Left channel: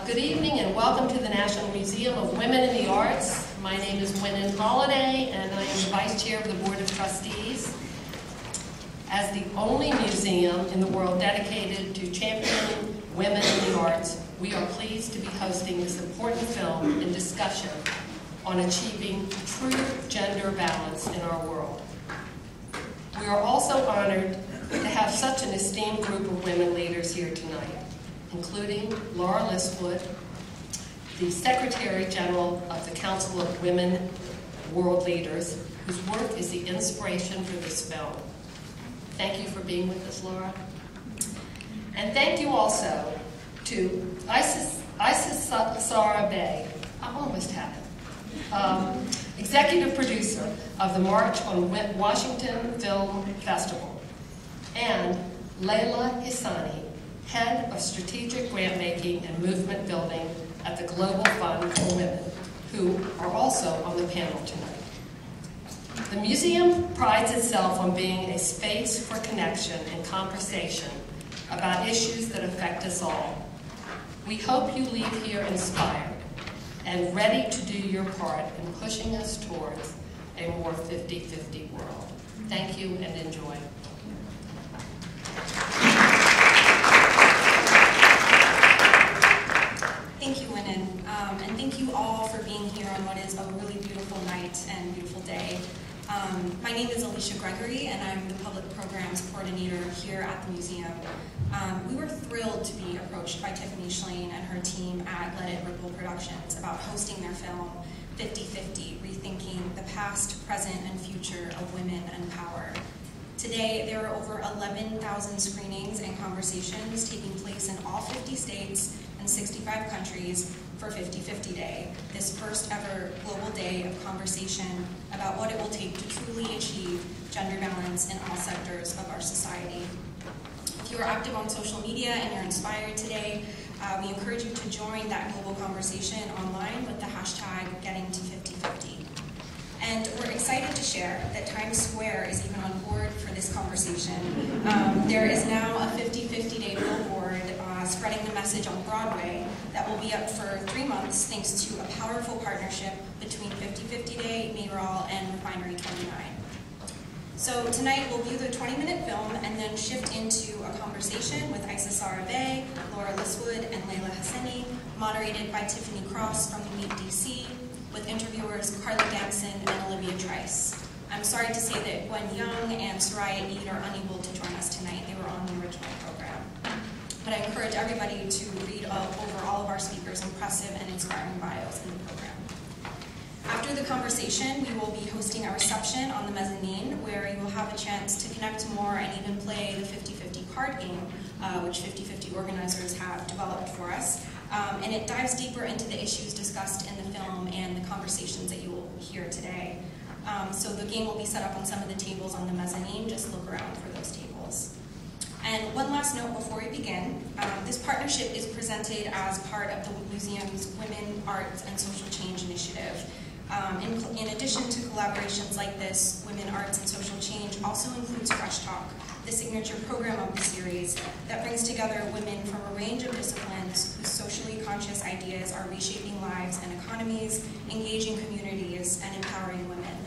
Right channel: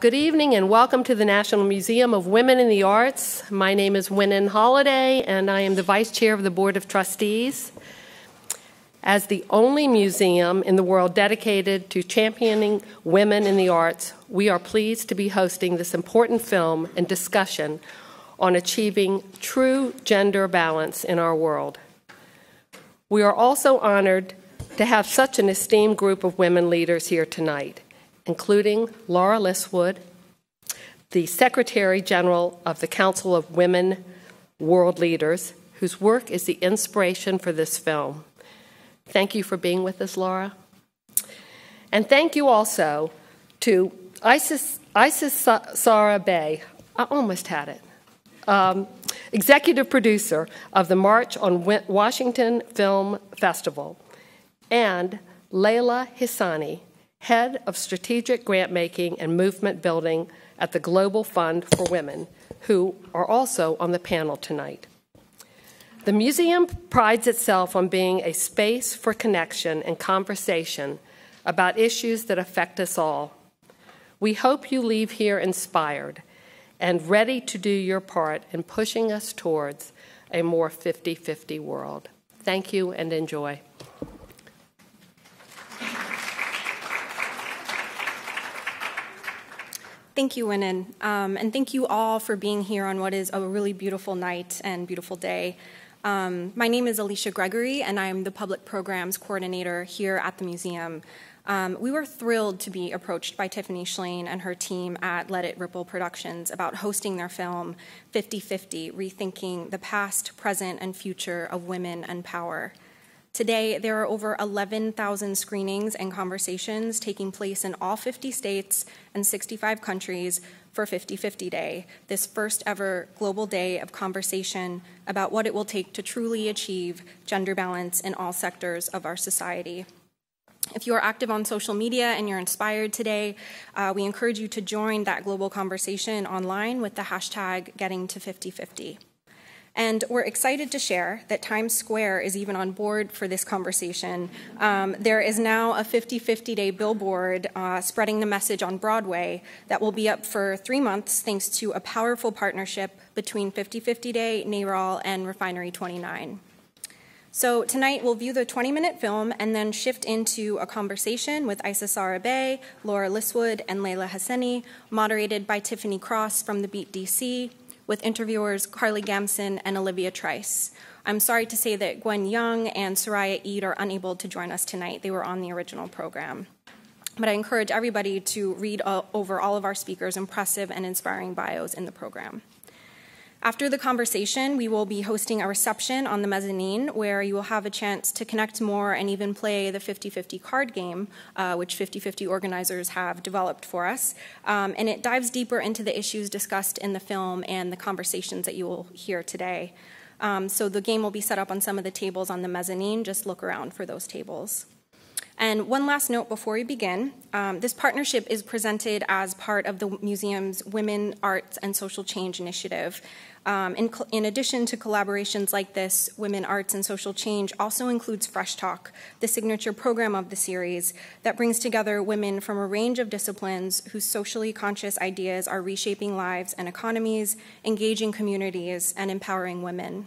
Good evening and welcome to the National Museum of Women in the Arts. My name is Winnan Holliday and I am the Vice Chair of the Board of Trustees. As the only museum in the world dedicated to championing women in the arts, we are pleased to be hosting this important film and discussion on achieving true gender balance in our world. We are also honored to have such an esteemed group of women leaders here tonight, including Laura Liswood, the Secretary General of the Council of Women World Leaders, whose work is the inspiration for this film. Thank you for being with us, Laura. And thank you also to Isis Sarah Bay, I almost had it, executive producer of the March on Washington Film Festival, and Layla Hissani, Head of Strategic Grant-Making and Movement Building at the Global Fund for Women, who are also on the panel tonight. The museum prides itself on being a space for connection and conversation about issues that affect us all. We hope you leave here inspired and ready to do your part in pushing us towards a more 50-50 world. Thank you and enjoy. Thank you, Winnan, and thank you all for being here on what is a really beautiful night and beautiful day. My name is Alicia Gregory, and I am the Public Programs Coordinator here at the museum. We were thrilled to be approached by Tiffany Schlain and her team at Let It Ripple Productions about hosting their film 50-50, Rethinking the Past, Present, and Future of Women and Power. Today, there are over 11,000 screenings and conversations taking place in all 50 states and 65 countries for 50-50 Day, this first ever global day of conversation about what it will take to truly achieve gender balance in all sectors of our society. If you are active on social media and you're inspired today, we encourage you to join that global conversation online with the hashtag #GettingTo5050. And we're excited to share that Times Square is even on board for this conversation. There is now a 50-50 Day billboard spreading the message on Broadway that will be up for 3 months thanks to a powerful partnership between 50-50 Day, NARAL, and Refinery 29. So tonight we'll view the 20-minute film and then shift into a conversation with Isis Sarah Bay, Laura Liswood, and Layla Hissani, moderated by Tiffany Cross from the Beat DC, with interviewers Carly Gamson and Olivia Trice. I'm sorry to say that Gwen Young and Soraya Eid are unable to join us tonight. They were on the original program. But I encourage everybody to read over all of our speakers' impressive and inspiring bios in the program. After the conversation, we will be hosting a reception on the mezzanine where you will have a chance to connect more and even play the 50-50 card game, which 50-50 organizers have developed for us. And it dives deeper into the issues discussed in the film and the conversations that you will hear today. So the game will be set up on some of the tables on the mezzanine. Just look around for those tables. And one last note before we begin, this partnership is presented as part of the museum's Women, Arts, and Social Change initiative. In addition to collaborations like this, Women, Arts, and Social Change also includes Fresh Talk, the signature program of the series that brings together women from a range of disciplines whose socially conscious ideas are reshaping lives and economies, engaging communities, and empowering women.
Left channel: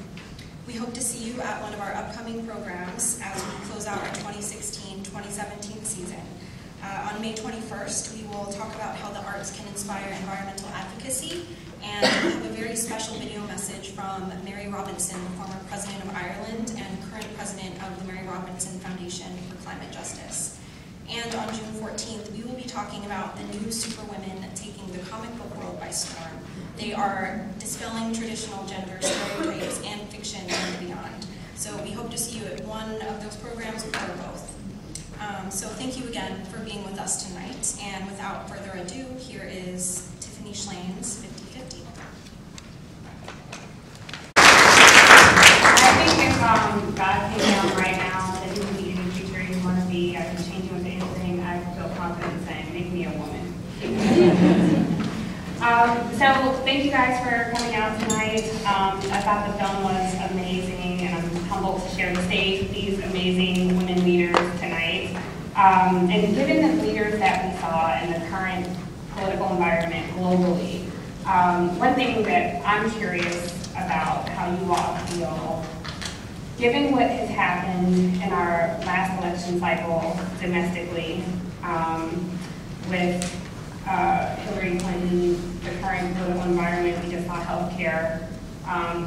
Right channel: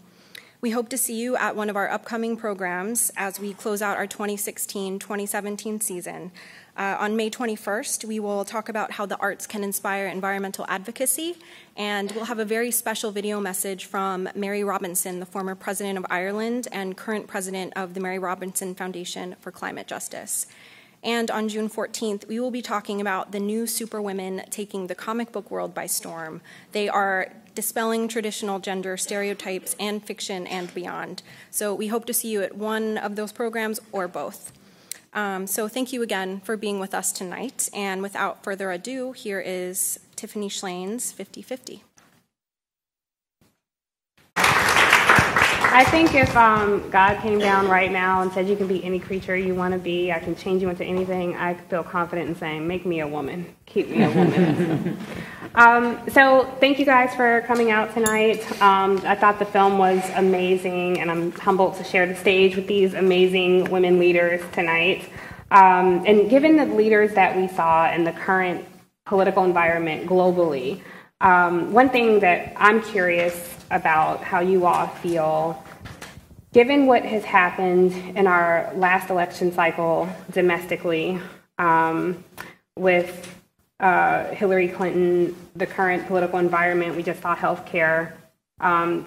We hope to see you at one of our upcoming programs as we close out our 2016-2017 season. On May 21st, we will talk about how the arts can inspire environmental advocacy, and we'll have a very special video message from Mary Robinson, the former president of Ireland and current president of the Mary Robinson Foundation for Climate Justice. And on June 14th, we will be talking about the new superwomen taking the comic book world by storm. They are dispelling traditional gender stereotypes and fiction and beyond. So we hope to see you at one of those programs or both. So thank you again for being with us tonight. And without further ado, here is Tiffany Schlain's 50-50. I think if God came down right now and said you can be any creature you want to be, I can change you into anything, I'd feel confident in saying, make me a woman, keep me a woman. So thank you guys for coming out tonight. I thought the film was amazing, and I'm humbled to share the stage with these amazing women leaders tonight. And given the leaders that we saw and the current political environment globally. One thing that I'm curious about how you all feel, given what has happened in our last election cycle domestically, with Hillary Clinton, the current political environment, we just saw healthcare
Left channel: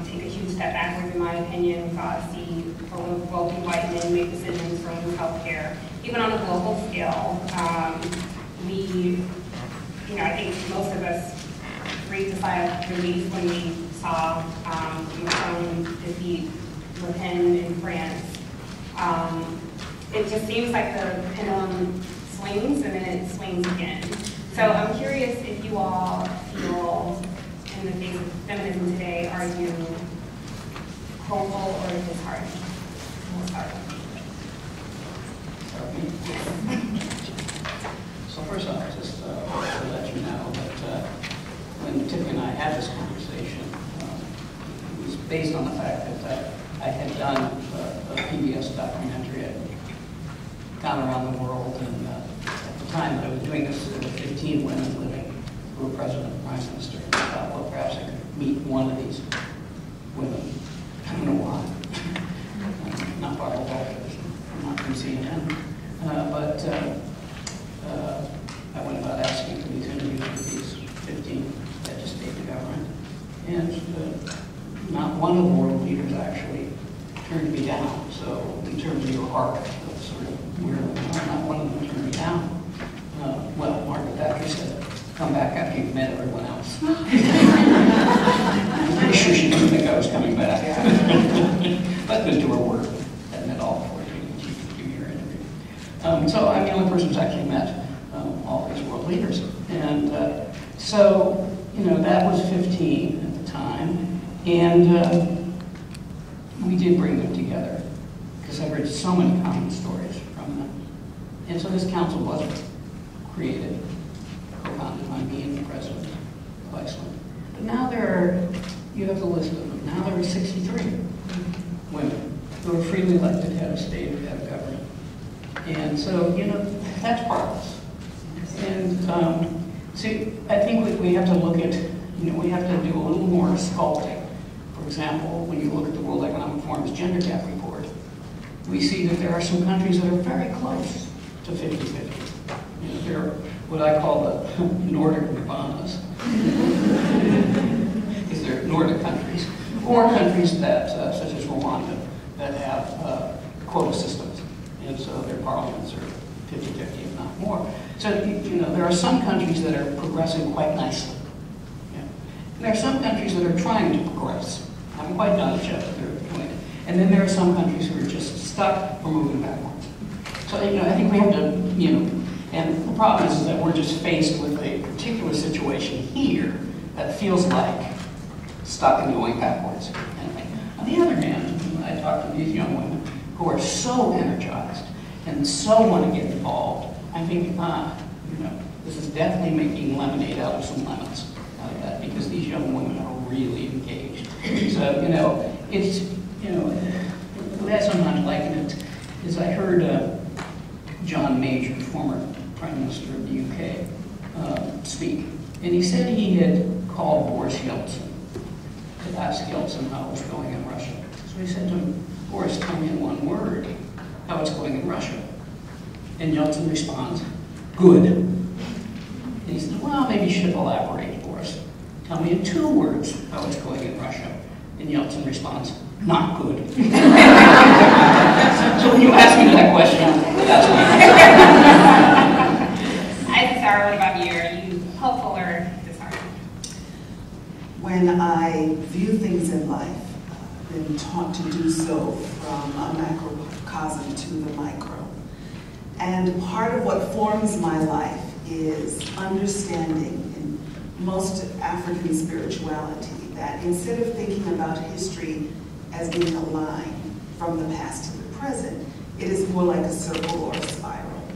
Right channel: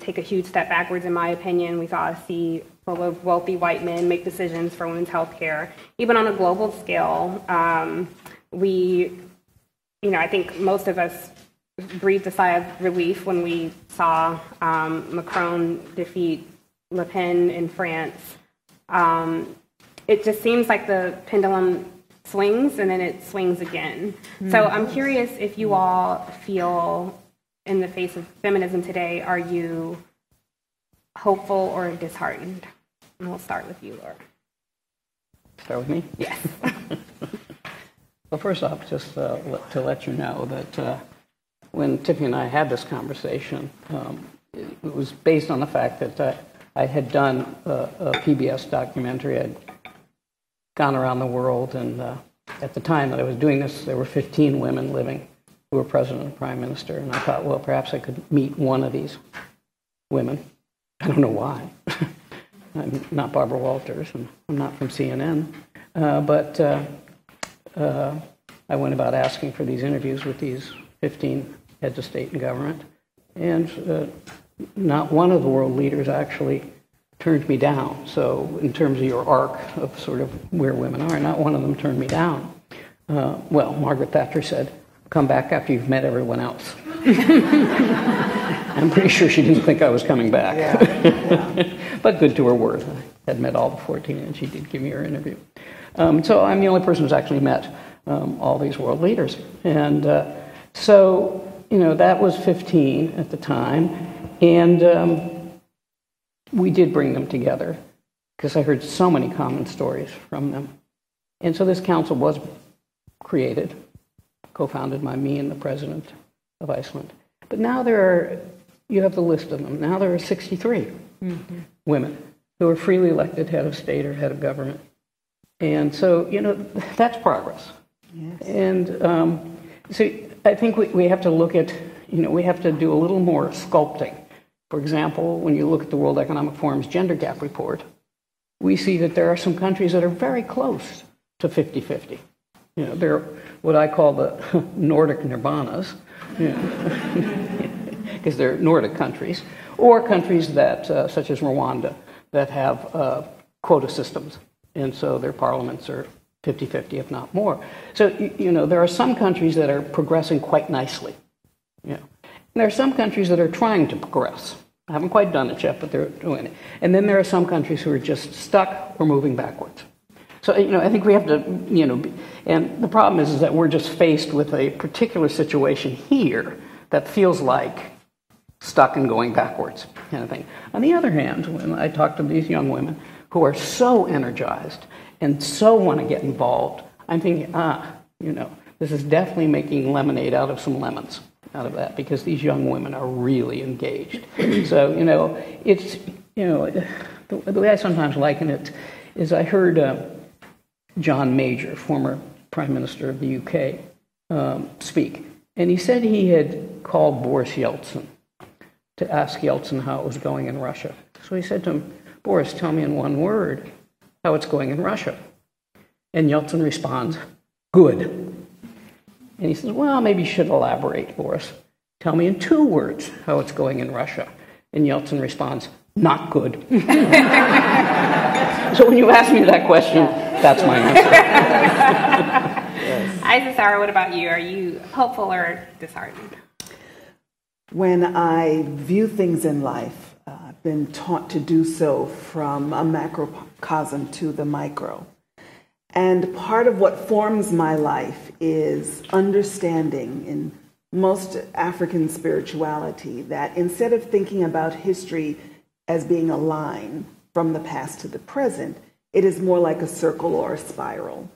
take a huge step backwards, in my opinion. We saw full of wealthy white men make decisions for women's healthcare. Even on a global scale, I think most of us breathed a sigh of relief when we saw Macron defeat Le Pen in France. It just seems like the pendulum swings and then it swings again. Mm-hmm. So I'm curious if you all feel, in the face of feminism today, are you hopeful or disheartened? And we'll start with you. Start with me? Yes. So first off, just to let you know that when Tiffany and I had this conversation, it was based on the fact that I had done a PBS documentary. I'd gone around the world, and at the time that I was doing this, there were 15 women living who were president and prime minister, and I thought, well, perhaps I could meet one of these women. I don't know why. I'm not Barbara Walters, and I'm not from CNN, but I went about asking for these interviews with these 15 heads of state and government, and not one of the world leaders actually turned me down. So in terms of your arc of sort of where women are, not one of them turned me down. Well, Margaret Thatcher said, come back after you've met everyone else. I'm pretty sure she didn't think I was coming back. But good to her word. Had met all the 14, and she did give me her interview. So I'm the only person who's actually met all these world leaders. And so, that was 15 at the time. And we did bring them together because I heard so many common stories from them. And so this council was created, co-founded by me and the president of Iceland. But now you have the list of them. Now there are 63 women who are freely elected head of state or head of government. And so, that's progress. And so I think we have to look at, we have to do a little more sculpting. For example, when you look at the World Economic Forum's gender gap report, we see that there are some countries that are very close to 50-50. They're what I call the Nordic nirvanas, because they're Nordic countries, or countries that, such as Rwanda, that have quota systems, and so their parliaments are 50-50, if not more. So, there are some countries that are progressing quite nicely. And there are some countries that are trying to progress. I haven't quite done it yet, but they're doing it. And then there are some countries who are just stuck or moving backwards. So, I think we have to, and the problem is that we're just faced with a particular situation here that feels like stuck and going backwards kind of thing. On the other hand, when I talk to these young women who are so energized and so want to get involved, I'm thinking, this is definitely making lemonade out of some lemons out of that, because these young women are really engaged. So, it's, the way I sometimes liken it is I heard John Major, former Prime Minister of the UK, speak. And he said he had called Boris Yeltsin to ask Yeltsin how it was going in Russia. So he said to him, Boris, tell me in one word how it's going in Russia. And Yeltsin responds, good. And he says, well, maybe you should elaborate, Boris. Tell me in 2 words how it's going in Russia. And Yeltsin responds, not good. So when you ask me that question, that's my answer. Sarah, what about you? Are you hopeful or disheartened? When I view things in life, I've been taught to do so from a macrocosm to the micro. And part of what forms my life is understanding in most African spirituality that instead of thinking about history as being a line from the past to the present, it is more like a circle or a spiral.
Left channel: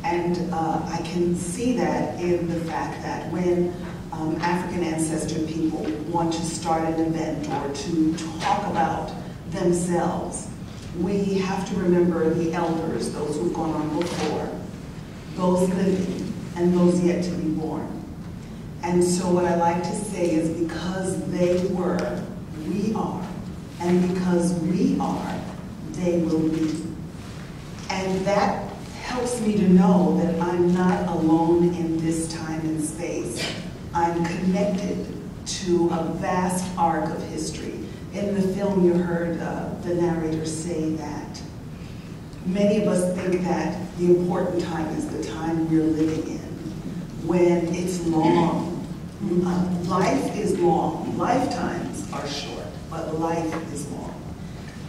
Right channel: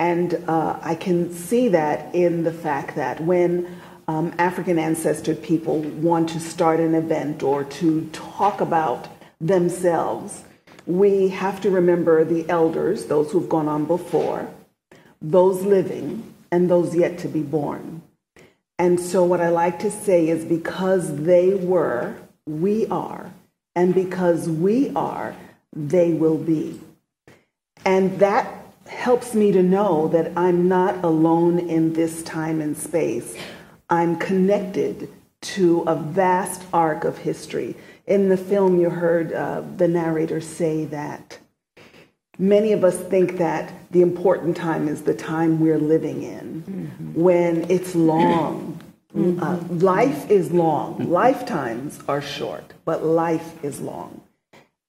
And I can see that in the fact that when African ancestor people want to start an event or to talk about themselves, we have to remember the elders, those who've gone on before, those living, and those yet to be born. And so what I like to say is because they were, we are. And because we are, they will be. And that helps me to know that I'm not alone in this time and space. I'm connected to a vast arc of history. In the film, you heard the narrator say that many of us think that the important time is the time we're living in, when it's long. Life is long. Lifetimes are short, but life is long.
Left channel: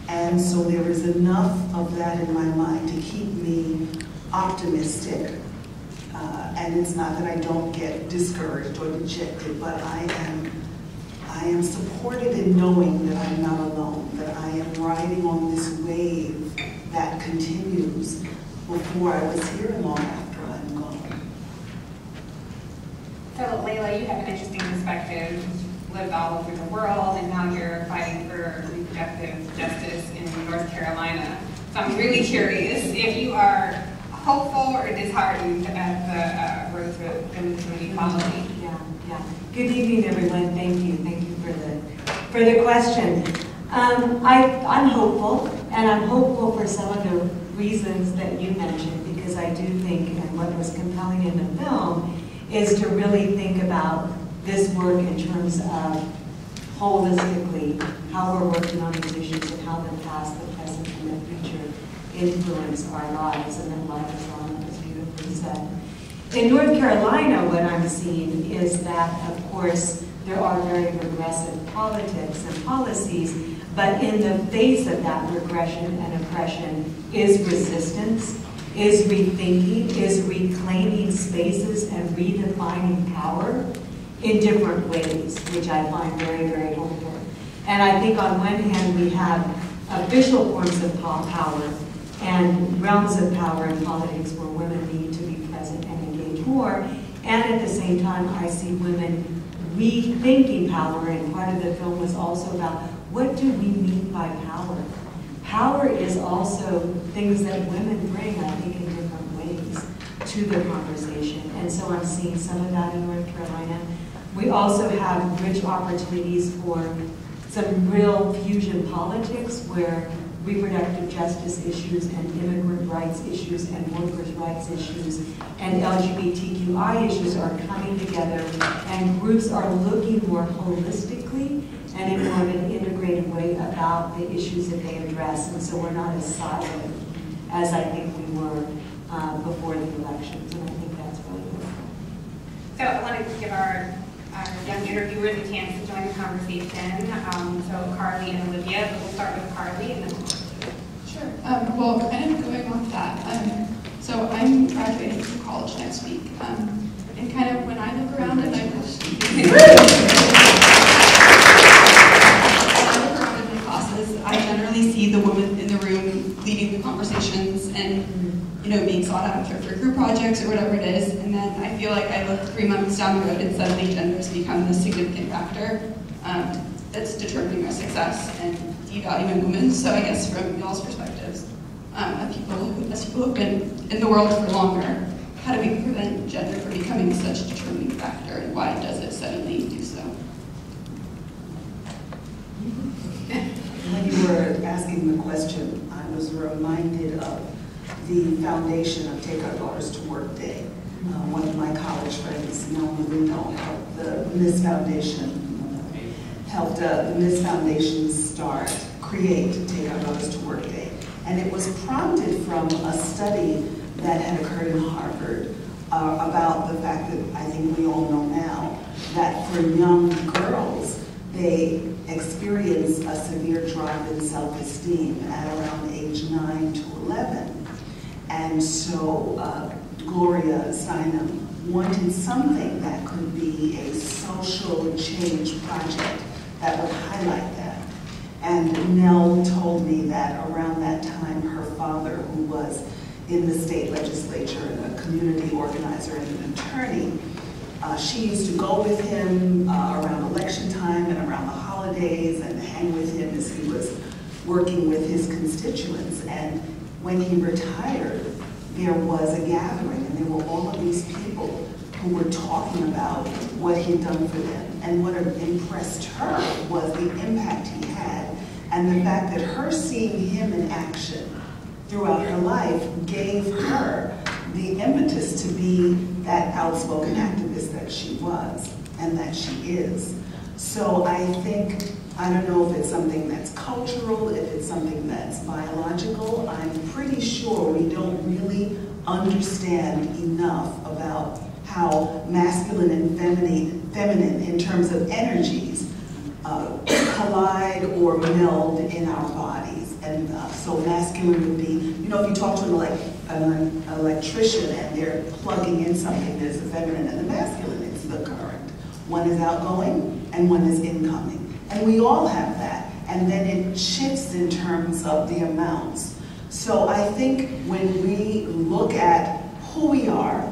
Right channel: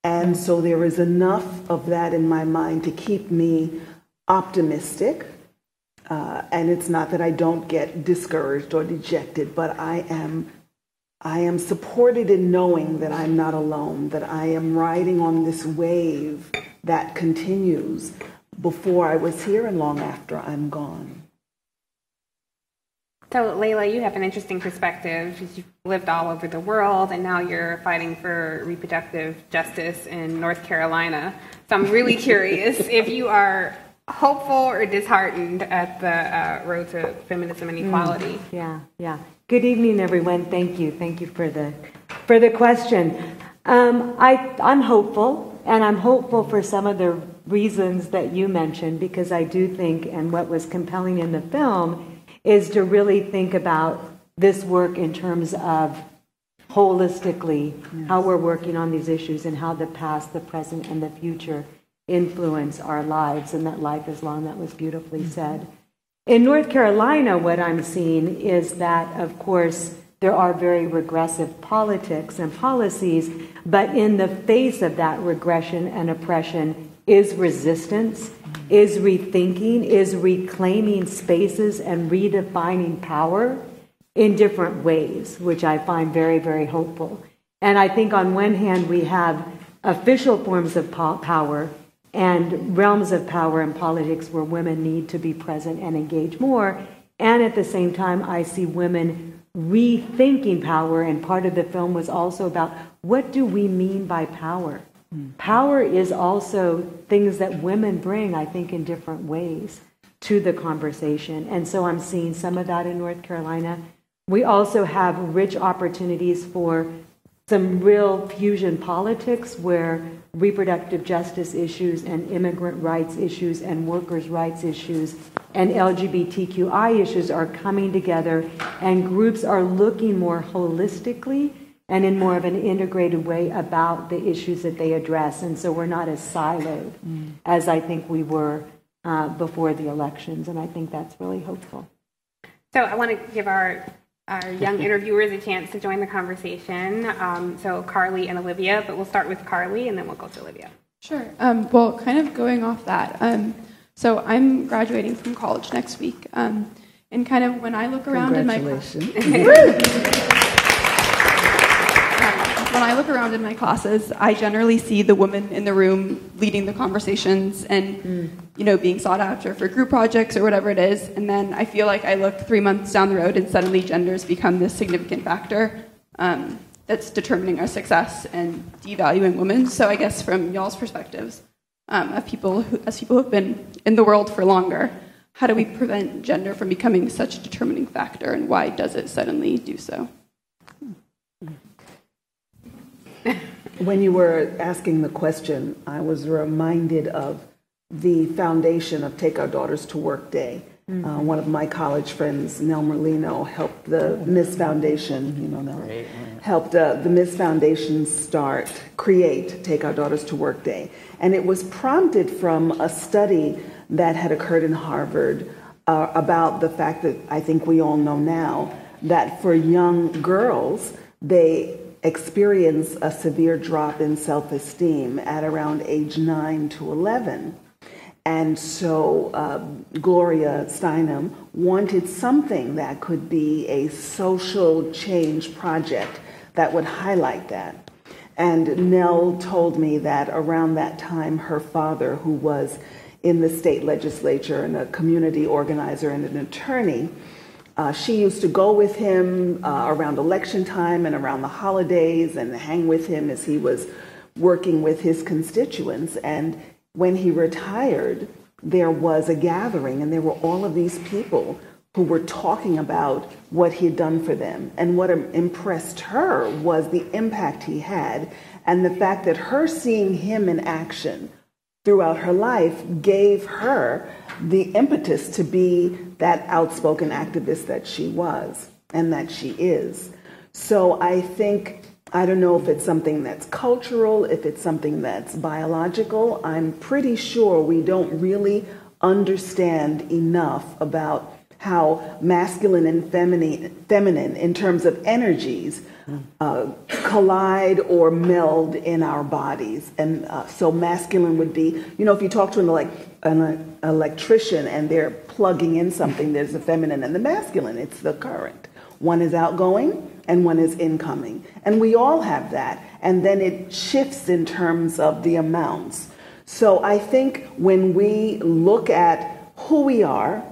And so there is enough of that in my mind to keep me optimistic. And it's not that I don't get discouraged or dejected, but I am supported in knowing that I'm not alone, that I am riding on this wave that continues before I was here and long after I'm gone. So Layla, you have an interesting perspective. You've lived all over the world, and now you're fighting for reproductive justice in North Carolina. So I'm really curious if you are hopeful or disheartened at the road to feminism and equality. Yeah. Good evening, everyone. Thank you for the question. I'm hopeful, and I'm hopeful for some of the reasons that you mentioned, because I do think, and what was compelling in the film, is to really think about this work in terms of holistically how we're working on these issues and how the past, the present, and the future influence our lives, and that life is long. That was beautifully said. In North Carolina, what I'm seeing is that, of course, there are very regressive politics and policies, but in the face of that regression and oppression is resistance, is rethinking, is reclaiming spaces and redefining power in different ways, which I find very, very hopeful. And I think on one hand we have official forms of power and realms of power in politics where women need to be present and engage more. And at the same time, I see women rethinking power, and part of the film was also about what do we mean by power? Power is also things that women bring, I think, in different ways to the conversation. And so I'm seeing some of that in North Carolina. We also have rich opportunities for some real fusion politics where reproductive justice issues and immigrant rights issues and workers' rights issues and LGBTQI issues are coming together, and groups are looking more holistically and in more of an integrated way about the issues that they address. And so we're not as siloed as I think we were before the elections, and I think that's really hopeful. So I want to give our young interviewers a chance to join the conversation. So Carly and Olivia, but we'll start with Carly and then we'll go to Olivia. Sure. Well, kind of going off that, so I'm graduating from college next week, and kind of when I look around in my classes, I generally see the woman in the room leading the conversations and being sought after for group projects or whatever it is, and then I feel like I look 3 months down the road and suddenly gender's become this significant factor that's determining our success and devaluing women. So I guess from y'all's perspectives, as people who've been in the world for longer, how do we prevent gender from becoming such a determining factor, and why does it suddenly do so? When you were asking the question, I was reminded of the foundation of Take Our Daughters to Work Day. One of my college friends, Nmwa, helped the Miss Foundation, helped the Miss Foundation create Take Our Daughters to Work Day. And it was prompted from a study that had occurred in Harvard about the fact that I think we all know now, that for young girls, they experience a severe drop in self-esteem at around age 9 to 11. And so Gloria Steinem wanted something that could be a social change project that would highlight that. And Nell told me that around that time, her father, who was in the state legislature and a community organizer and an attorney, she used to go with him around election time and around the holidays and hang with him as he was working with his constituents. And when he retired, there was a gathering, and there were all of these people who were talking about what he'd done for them. And what impressed her was the impact he had, and the fact that her seeing him in action throughout her life gave her the impetus to be that outspoken activist that she was and that she is. So I think, I don't know if it's something that's cultural, if it's something that's biological. I'm pretty sure we don't really understand enough about how masculine and feminine in terms of energies collide or meld in our bodies. And so masculine would be, you know, if you talk to an electrician and they're plugging in something, there's the feminine and the masculine, it's the current. One is outgoing and one is incoming. And we all have that. And then it shifts in terms of the amounts. So I think when we look at who we are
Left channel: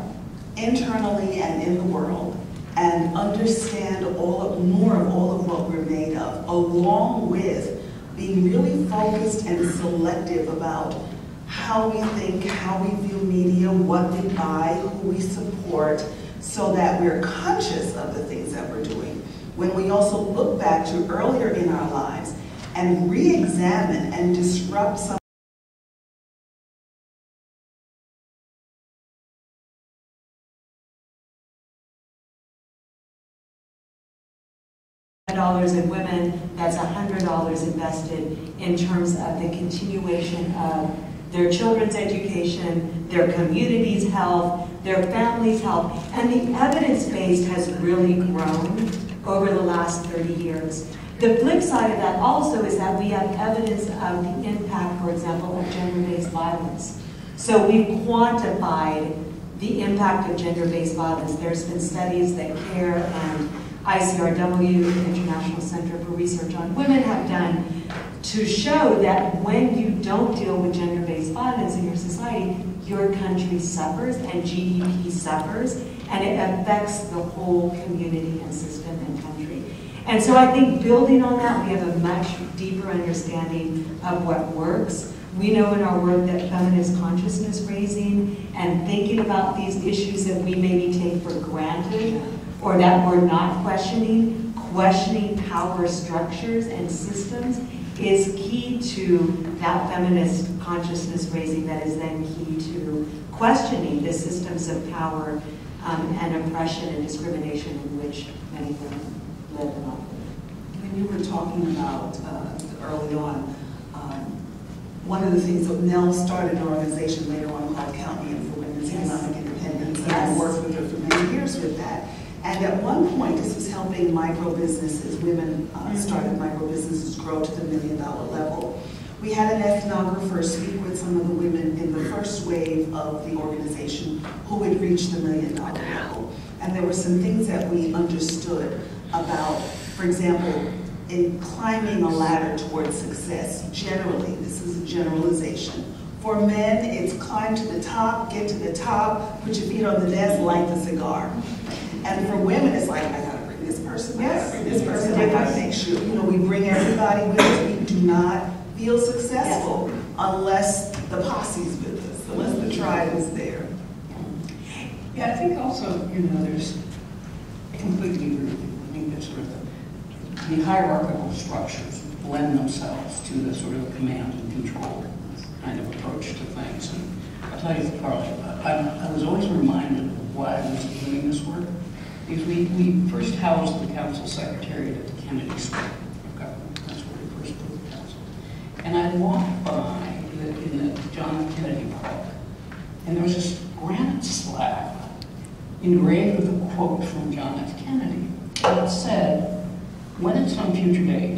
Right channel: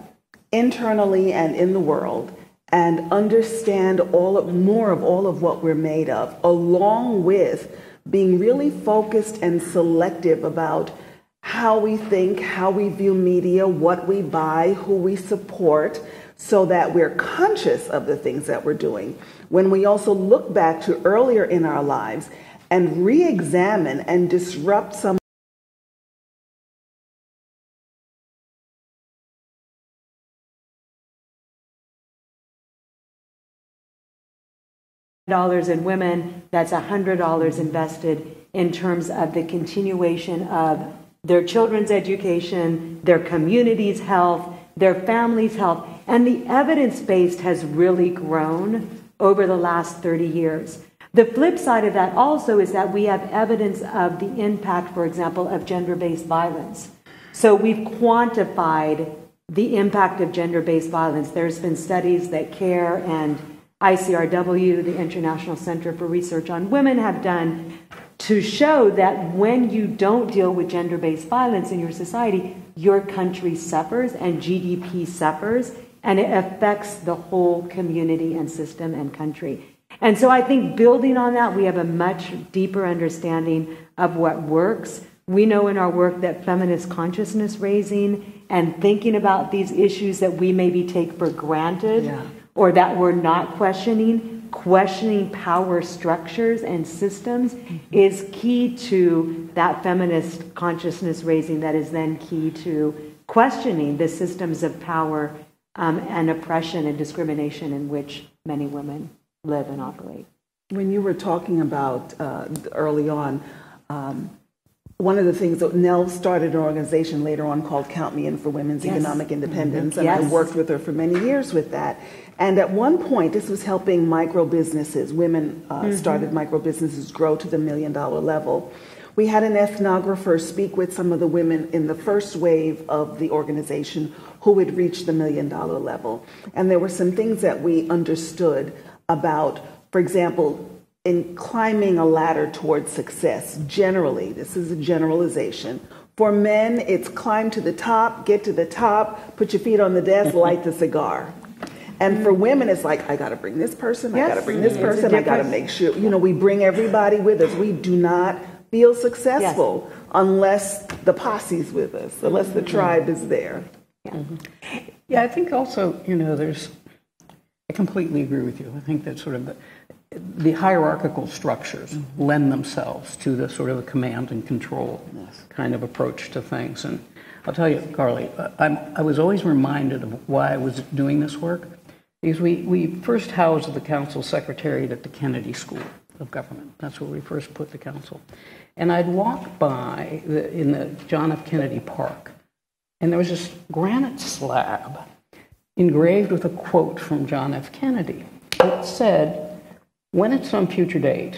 internally and in the world, and understand more of all of what we're made of, along with being really focused and selective about how we think, how we view media, what we buy, who we support, so that we're conscious of the things that we're doing. When we also look back to earlier in our lives and re-examine and disrupt some dollars in women, that's $100 invested in terms of the continuation of their children's education, their community's health, their family's health, and the evidence base has really grown over the last 30 years. The flip side of that also is that we have evidence of the impact, for example, of gender-based violence. So we've quantified the impact of gender-based violence. There's been studies that CARE and ICRW, the International Center for Research on Women, have done to show that when you don't deal with gender-based violence in your society, your country suffers and GDP suffers, and it affects the whole community and system and country. And so I think building on that, we have a much deeper understanding of what works. We know in our work that feminist consciousness raising and thinking about these issues that we maybe take for granted, or that we're not questioning power structures and systems is key to that feminist consciousness raising that is then key to questioning the systems of power and oppression and discrimination in which many women live and operate. When you were talking about early on, one of the things that Nell started an organization later on called Count Me In for Women's Economic Independence, and I worked with her for many years with that. And at one point, this was helping micro businesses. Women started micro businesses grow to the $1 million level. We had an ethnographer speak with some of the women in the first wave of the organization who had reached the $1 million level. And there were some things that we understood about, for example, in climbing a ladder towards success. Generally, this is a generalization. For men, it's climb to the top, get to the top, put your feet on the desk, light the cigar. And for women, it's like, I gotta bring this person, I gotta bring this person, I gotta make sure, you know, we bring everybody with us. We do not feel successful unless the posse's with us, unless the tribe is there. Yeah, I think also, you know, I completely agree with you. I think that sort of the hierarchical structures lend themselves to the sort of command and control kind of approach to things. And I'll tell you, Carly, I was always reminded of why I was doing this work. Because we first housed the council secretariat at the Kennedy School of Government. That's where we first put the council. And I walked by in the John F. Kennedy Park, and there was this granite slab engraved with a quote from John F. Kennedy that said, "When at some future date,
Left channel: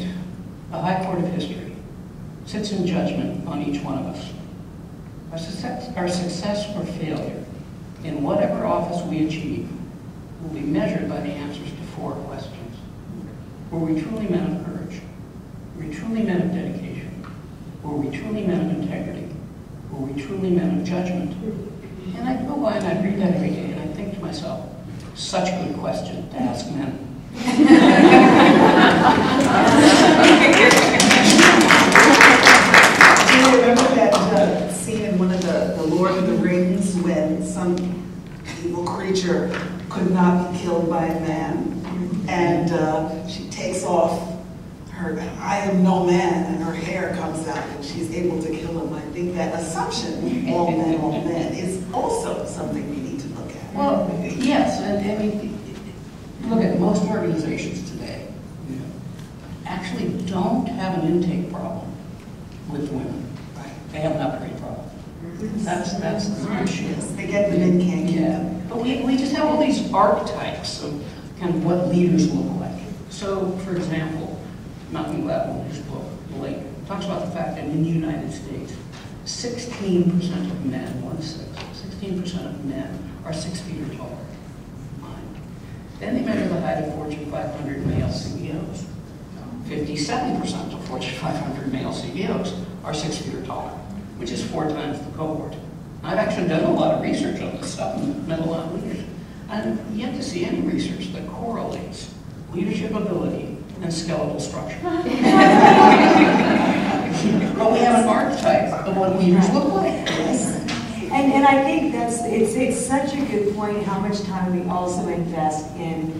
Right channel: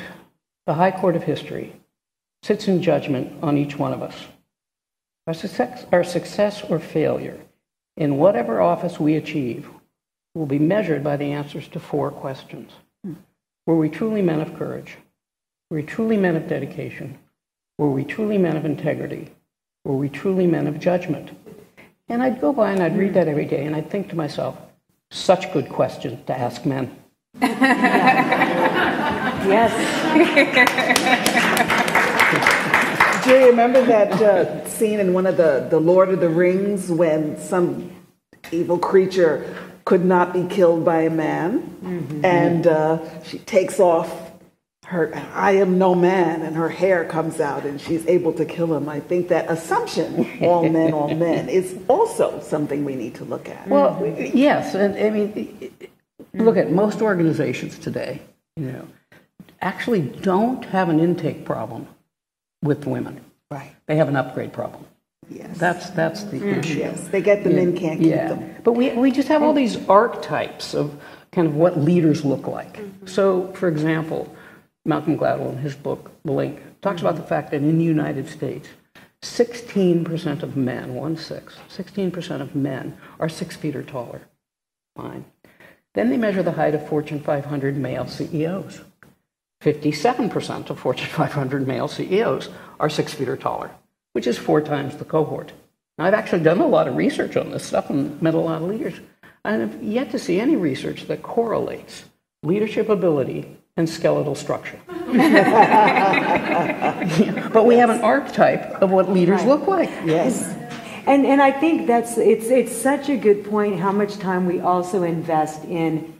the High Court of History sits in judgment on each one of us. Our success or failure in whatever office we achieve will be measured by the answers to 4 questions. Were we truly men of courage? Were we truly men of dedication? Were we truly men of integrity? Were we truly men of judgment?" And I'd go by and I'd read that every day, and I'd think to myself, such good question to ask men. Do you remember that scene in one of the Lord of the Rings when some evil creature could not be killed by a man, and she takes off her "I am no man" and her hair comes out and she's able to kill him. I think that assumption, all men, is also something we need to look at. Well, yes, and I mean, look at most organizations today, actually don't have an intake problem with women. Right. They have an upgrade problem. That's the issue. Yes, they get the men, can't get Yeah, them. but we just have all these archetypes of kind of what leaders look like. So, for example, Malcolm Gladwell in his book, The Lake, talks about the fact that in the United States, 16% of men, 16% of men are 6 feet or taller. Fine. Then they measure the height of Fortune 500 male CEOs. 57% of Fortune 500 male CEOs are 6 feet or taller, which is 4 times the cohort. Now, I've actually done a lot of research on this stuff and met a lot of leaders. I'm yet to see any research that correlates leadership ability and skeletal structure. But we have an archetype of what leaders look like. Yes. And I think it's such a good point how much time we also invest in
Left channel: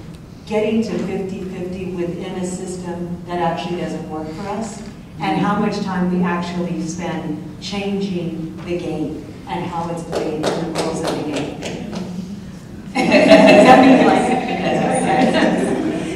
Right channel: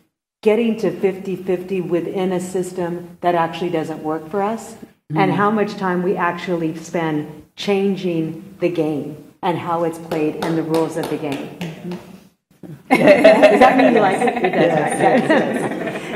getting to 50-50 within a system that actually doesn't work for us, and how much time we actually spend changing the game and how it's played and the rules of the game.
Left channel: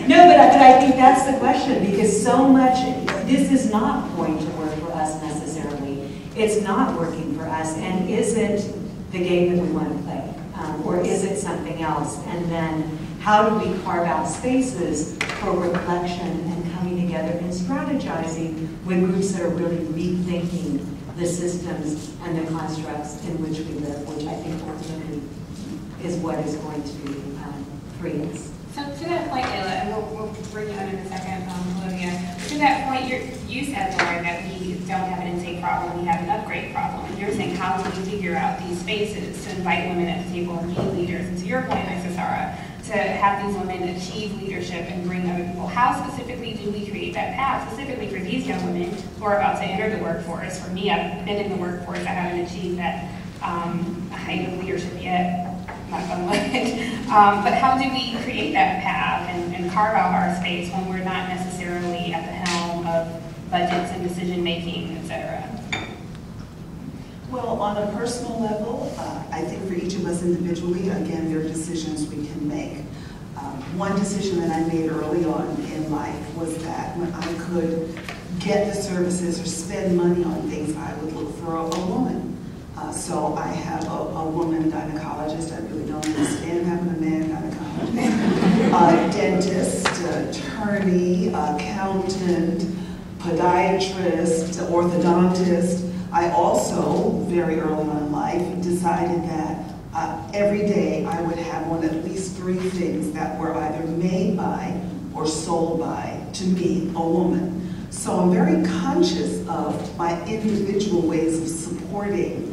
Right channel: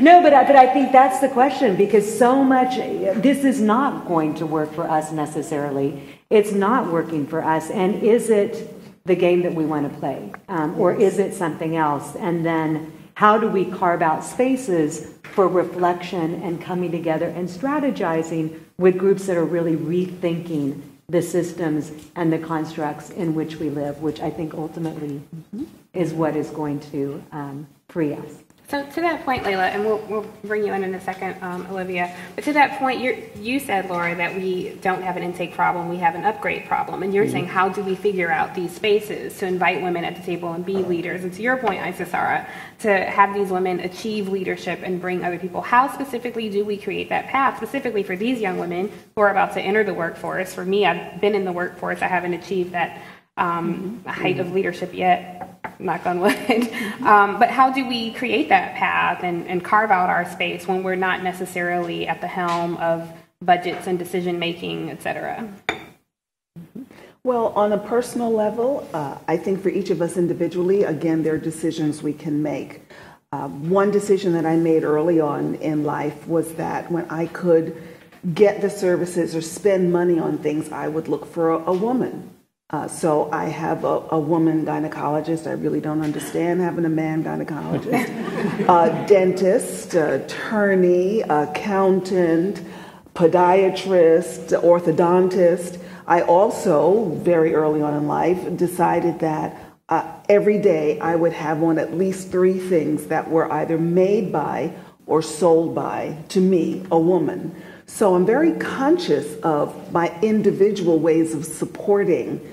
No, but I think that's the question, because so much, this is not going to work for us necessarily. It's not working for us, and is it the game that we want to play? Or is it something else? And then how do we carve out spaces for reflection and coming together and strategizing with groups that are really rethinking the systems and the constructs in which we live, which I think ultimately is what is going to free us. So to that point, Layla, and we'll bring you in a second, Olivia, but to that point, you said, Laura, that we don't have an intake problem, we have an upgrade problem. And you're saying, how do we figure out these spaces to invite women at the table and be leaders? And to your point, Isasara, to have these women achieve leadership and bring other people. How specifically do we create that path, specifically for these young women who are about to enter the workforce? For me, I've been in the workforce, I haven't achieved that height of leadership yet, knock on wood. But how do we create that path and carve out our space when we're not necessarily at the helm of budgets and decision making, et cetera? Well, on a personal level, I think for each of us individually, again, there are decisions we can make. One decision that I made early on in life was that when I could get the services or spend money on things, I would look for a woman. So I have a woman gynecologist. I really don't understand having a man gynecologist. Dentist, attorney, accountant, podiatrist, orthodontist. I also, very early on in life, decided that every day I would have on at least 3 things that were either made by or sold by, to me, a woman. So I'm very conscious of my individual ways of supporting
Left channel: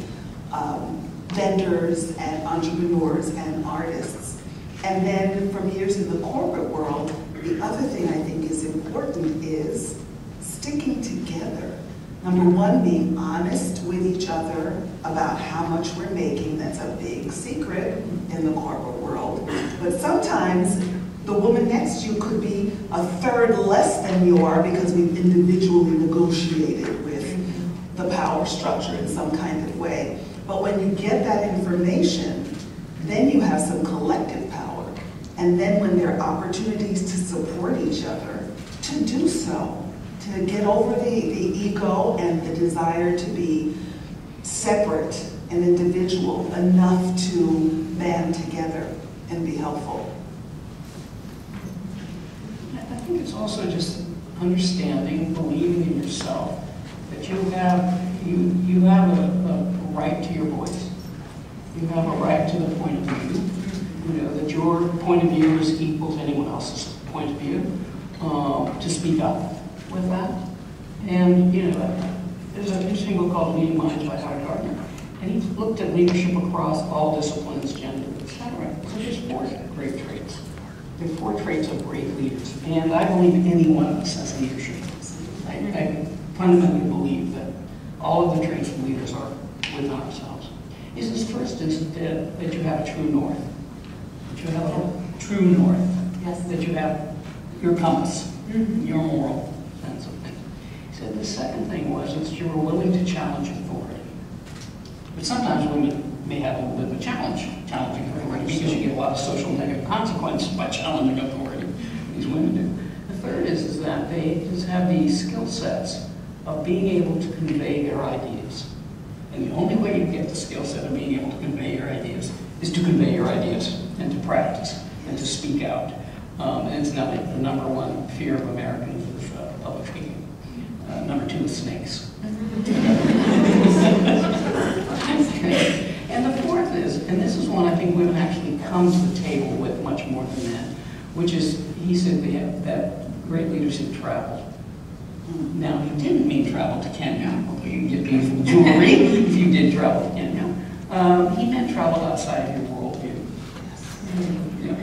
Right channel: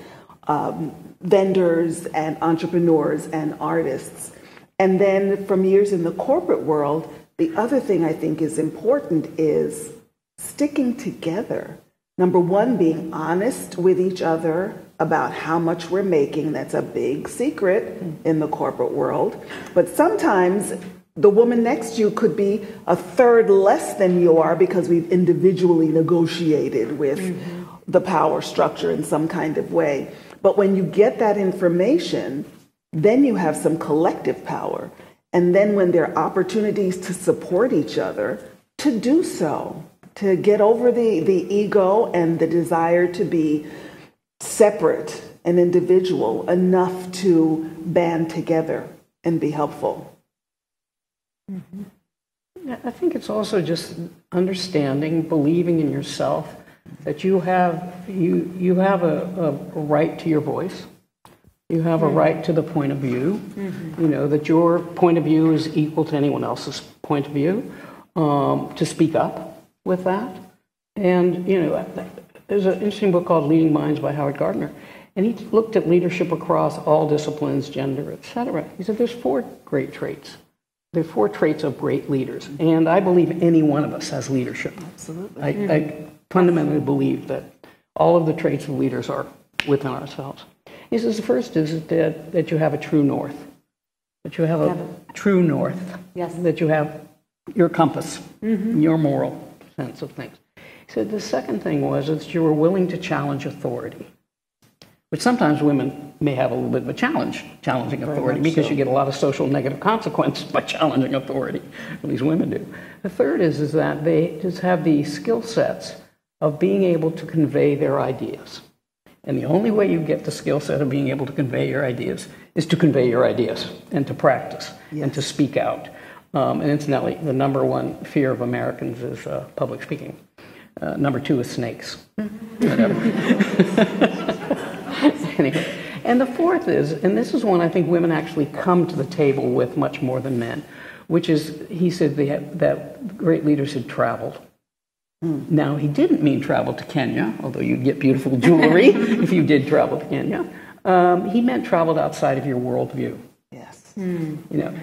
vendors and entrepreneurs and artists. And then from years in the corporate world, the other thing I think is important is sticking together. Number one, being honest with each other about how much we're making. That's a big secret in the corporate world. But sometimes the woman next to you could be a third less than you are because we've individually negotiated with the power structure in some kind of way. But when you get that information, then you have some collective power. And then when there are opportunities to support each other, to do so, to get over the ego and the desire to be separate and individual enough to band together and be helpful. I think it's also just understanding, believing in yourself, that you have a right to your voice. You have a right to the point of view. You know, that your point of view is equal to anyone else's point of view. To speak up with that. And, you know, there's an interesting book called Leading Minds by Howard Gardner. And he looked at leadership across all disciplines, gender, etc. He said there's 4 great traits. There are 4 traits of great leaders. And I believe any one of us has leadership. I fundamentally believe that all of the traits of leaders are within ourselves. He says the first is that you have a true north. that you have a true north, Yes. that you have your compass, your moral sense of things. He said the second thing was that you were willing to challenge authority, which sometimes women may have a little bit of a challenging authority, because you get a lot of social negative consequences by challenging authority. These women do. The third is that they just have these skill sets of being able to convey their ideas. And the only way you get the skill set of being able to convey your ideas is to convey your ideas and to practice and to speak out. And incidentally, the number one fear of Americans is public speaking. Number two is snakes. Anyway. And the fourth is, and this is one I think women actually come to the table with much more than men, which is, he said that great leaders had traveled. Now, he didn't mean travel to Kenya, although you'd get beautiful jewelry if you did travel to Kenya. He meant traveled outside of your worldview.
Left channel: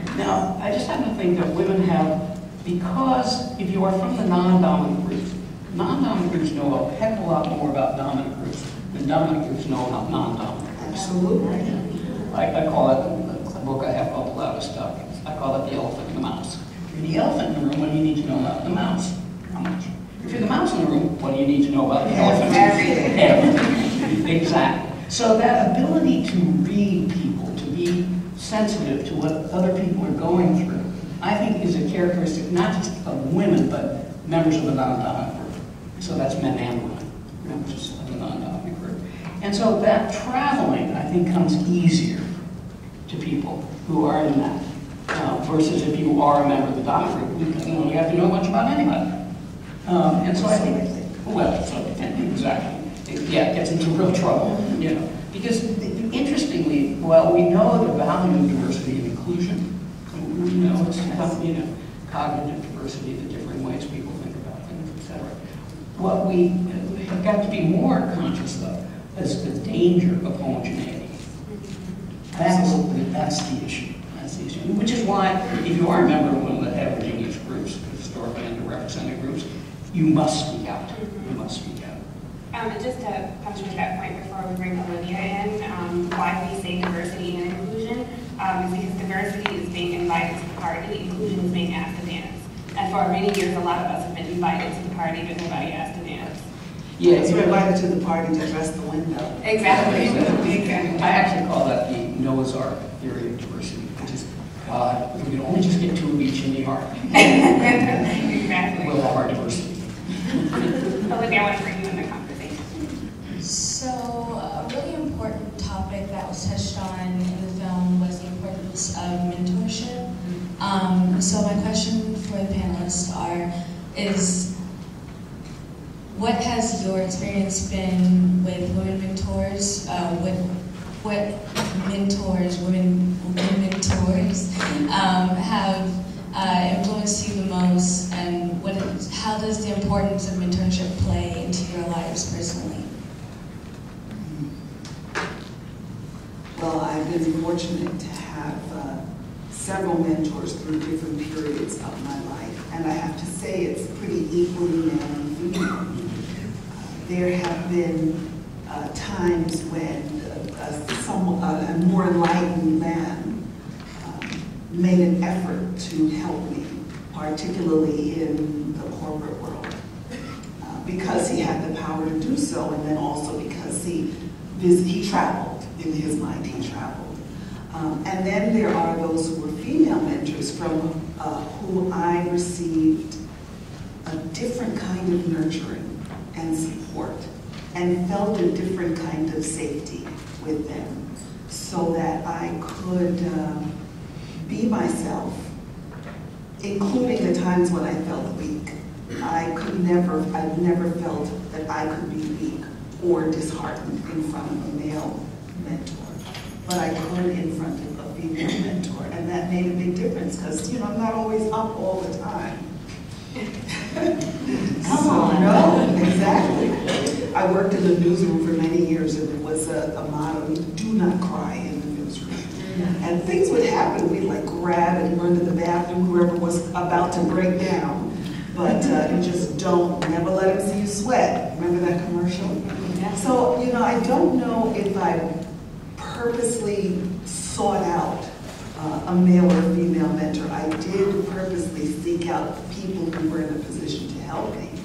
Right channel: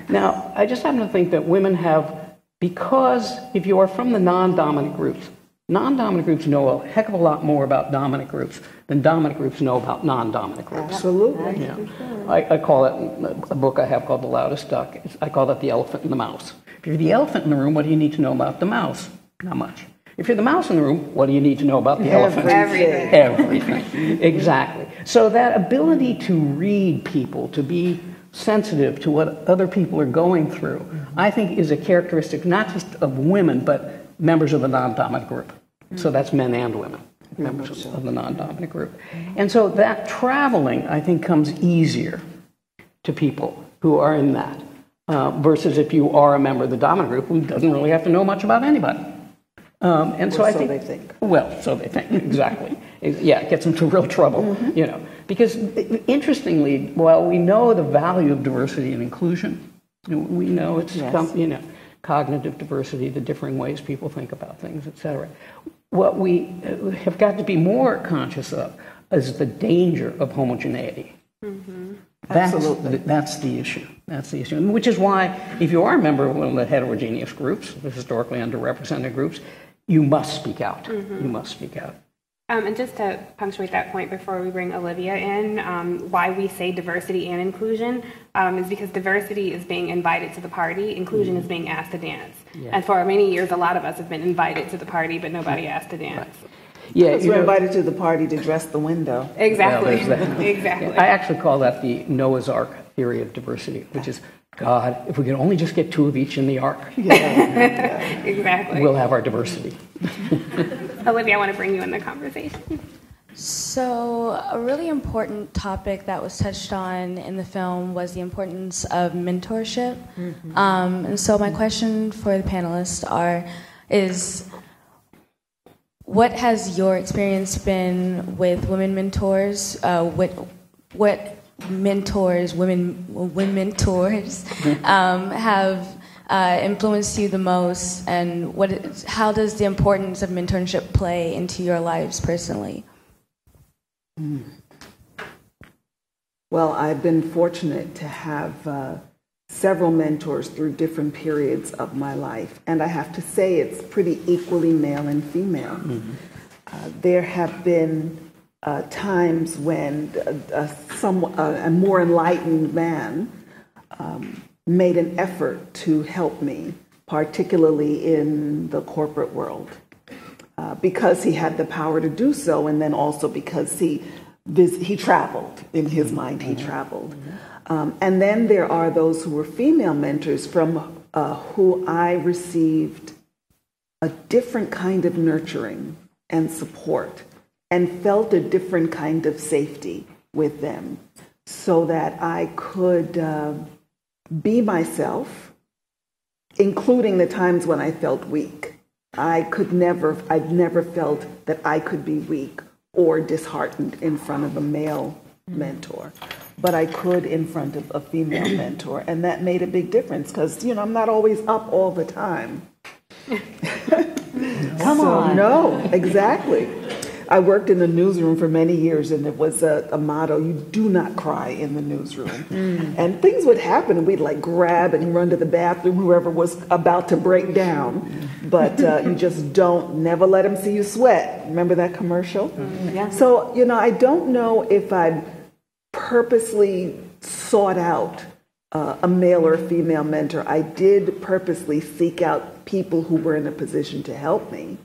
Now, I just happen to think that women have, because if you are from the non-dominant groups know a heck of a lot more about dominant groups than dominant groups know about non-dominant groups. Absolutely. I call it, a book I have called The Loudest Duck, I call it the elephant and the mouse. If you're the elephant in the room, what do you need to know about the mouse? Not much. If you're the mouse in the room, what do you need to know about the elephant? Everything. Exactly. So that ability to read people, to be sensitive to what other people are going through, I think is a characteristic not just of women, but members of the non-dominant group. So that's men and women, members of the non-dominant group. And so that traveling, I think, comes easier to people who are in that, versus if you are a member of the dominant group who doesn't really have to know much about anybody. And so I think, well, so they think, exactly. Yeah, it gets them into real trouble, Because interestingly, while we know the value of diversity and inclusion, we know it's cognitive diversity, the differing ways people think about things, etc. What we have got to be more conscious of is the danger of homogeneity. That's the issue. That's the issue. Which is why, if you are a member of one of the heterogeneous groups, the historically underrepresented groups, you must speak out. You must speak out. And just to punctuate that point before we bring Olivia in, why we say diversity and inclusion is because diversity is being invited to the party, inclusion is being asked to dance. And for many years, a lot of us have been invited to the party, but nobody asked to dance. Yeah, you're invited to the party to dress the window. Exactly. I actually call that the Noah's Ark theory of diversity, which is, God, if we can only just get two of each in the ark, Exactly. we'll have our diversity. Olivia, I want to bring you in the conversation. So, a really important topic that was touched on in the film was the importance of mentorship. And so my question for the panelists is what has your experience been with women mentors? What mentors, women mentors, have influenced you the most, and how does the importance of mentorship play into your lives personally? Well, I've been fortunate to have several mentors through different periods of my life, and I have to say it's pretty equally male and female. There have been times when a more enlightened man made an effort to help me, particularly in the corporate world, because he had the power to do so, and then also because he traveled. In his mind, he traveled. And then there are those who were female mentors from who I received a different kind of nurturing and support and felt a different kind of safety with them so that I could be myself, including the times when I felt weak. I've never felt that I could be weak or disheartened in front of a male mentor, but I could in front of a female mentor, and that made a big difference because, I'm not always up all the time. Come on. No, exactly. I worked in the newsroom for many years, and it was a motto, you do not cry in the newsroom. And things would happen, and we'd grab and run to the bathroom, whoever was about to break down. But you just never let them see you sweat. Remember that commercial? So, I don't know if I purposely sought out a male or female mentor. I did purposely seek out people who were in a position to help me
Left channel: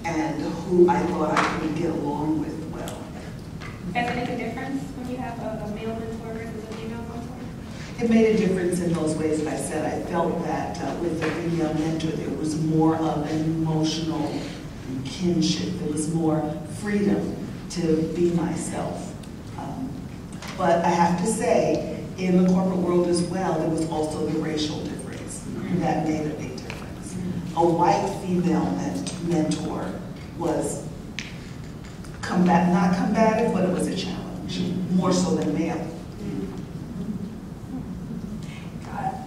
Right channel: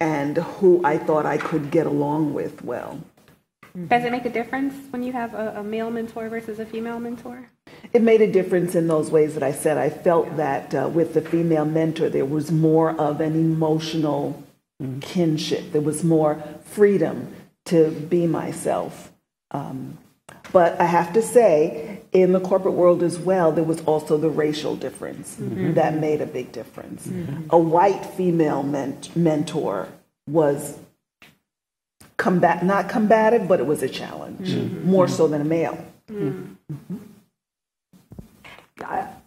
and who I thought I could get along with well. Does it make a difference when you have a male mentor versus a female mentor? It made a difference in those ways that I said. I felt that with the female mentor, there was more of an emotional kinship. There was more freedom to be myself. But I have to say, in the corporate world as well, there was also the racial difference. That made a big difference. A white female mentor was not combative, but it was a challenge, more so than male.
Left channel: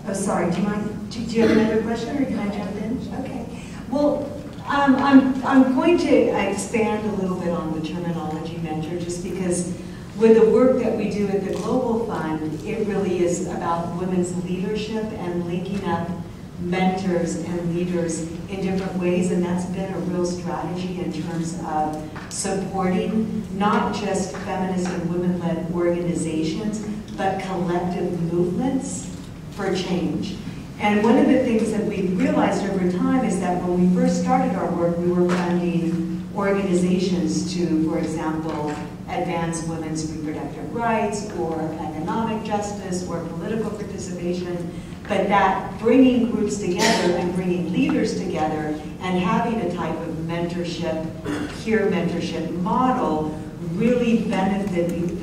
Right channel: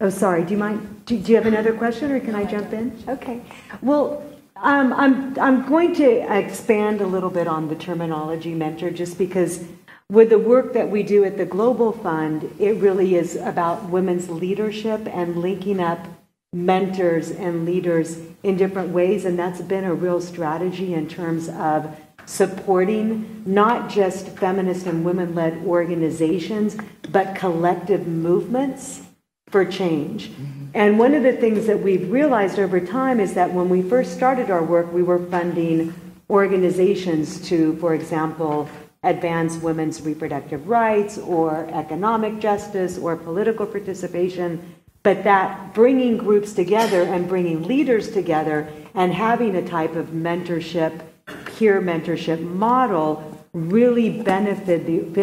Oh, sorry. Do you have another question, or can I jump in? Okay. Well, I'm going to expand a little bit on the terminology mentor, just because with the work that we do at the Global Fund, it really is about women's leadership and linking up mentors and leaders in different ways, and that's been a real strategy in terms of supporting not just feminist and women-led organizations, but collective movements for change. And one of the things that we've realized over time is that when we first started our work, we were funding organizations to, for example, advance women's reproductive rights or economic justice or political participation, but that bringing groups together and bringing leaders together and having a type of mentorship, peer mentorship model really benefited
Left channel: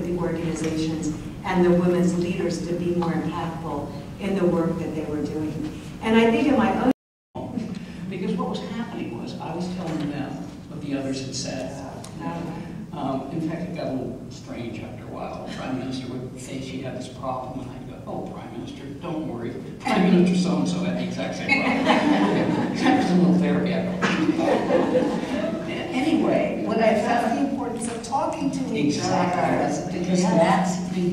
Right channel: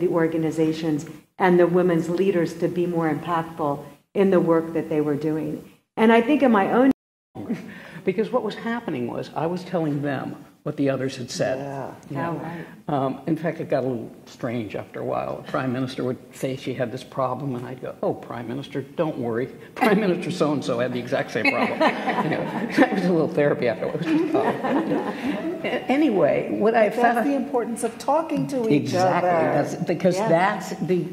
the organizations and the women's leaders to be more impactful in the work that they were doing. And I think in my own... Because what was happening was I was telling them what the others had said. In fact, it got a little strange after a while. The Prime Minister would say she had this problem, and I'd go, "Oh, Prime Minister, don't worry. Prime Minister so-and-so had the exact same problem." Just a little therapy afterwards. Anyway, what I found... the importance of talking to each other.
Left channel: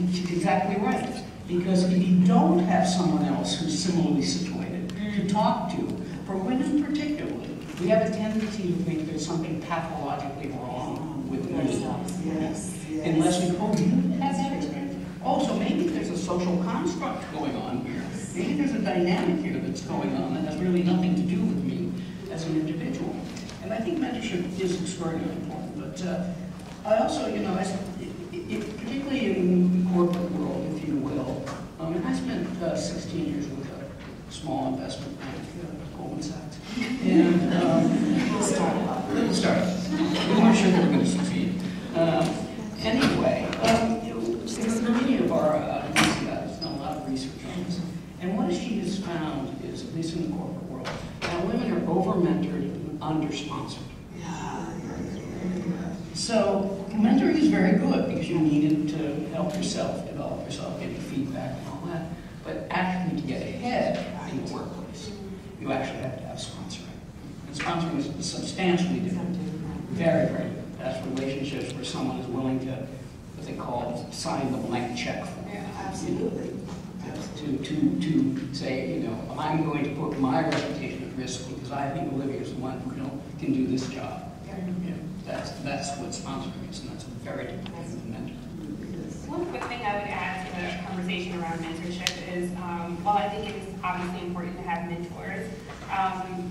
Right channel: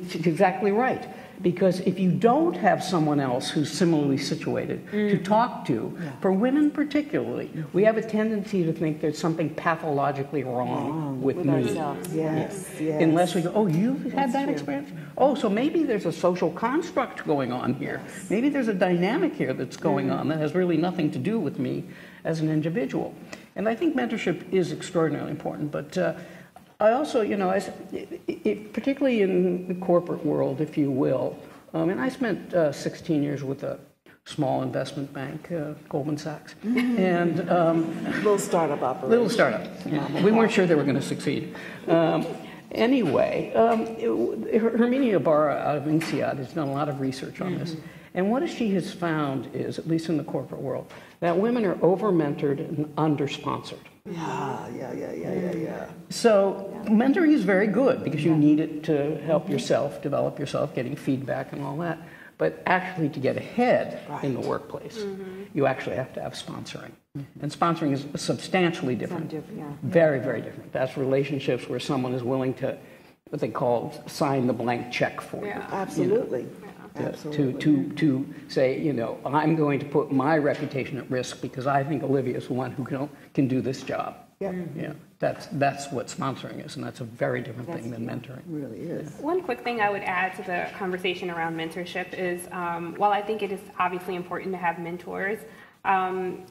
She's exactly right. Because if you don't have someone else who's similarly situated to talk to, for women particularly, we have a tendency to think there's something pathologically wrong with me. Yes. Unless we go, "Oh, you had that experience? Oh, so maybe there's a social construct going on here. Maybe there's a dynamic here that's going on that has really nothing to do with me as an individual." And I think mentorship is extraordinarily important, but I also, particularly in the corporate world, if you will, and I spent 16 years with a small investment bank, Goldman Sachs, and Little startup. We weren't sure they were going to succeed. Anyway, Herminia Ibarra out of INSEAD has done a lot of research on this. And what she has found is, at least in the corporate world, that women are over-mentored and under-sponsored. Yeah. So mentoring is very good because you need it to help yourself, develop yourself, getting feedback and all that. But actually to get ahead in the workplace, you actually have to have sponsoring. And sponsoring is substantially different. Very, very different. That's relationships where someone is willing to, what they call, sign the blank check for you. Absolutely. To say, I'm going to put my reputation at risk because I think Olivia's the one who can do this job. That's what sponsoring is, and that's a very different thing than mentoring. It really is. One quick thing I would add to the conversation around mentorship is, while I think it is obviously important to have mentors,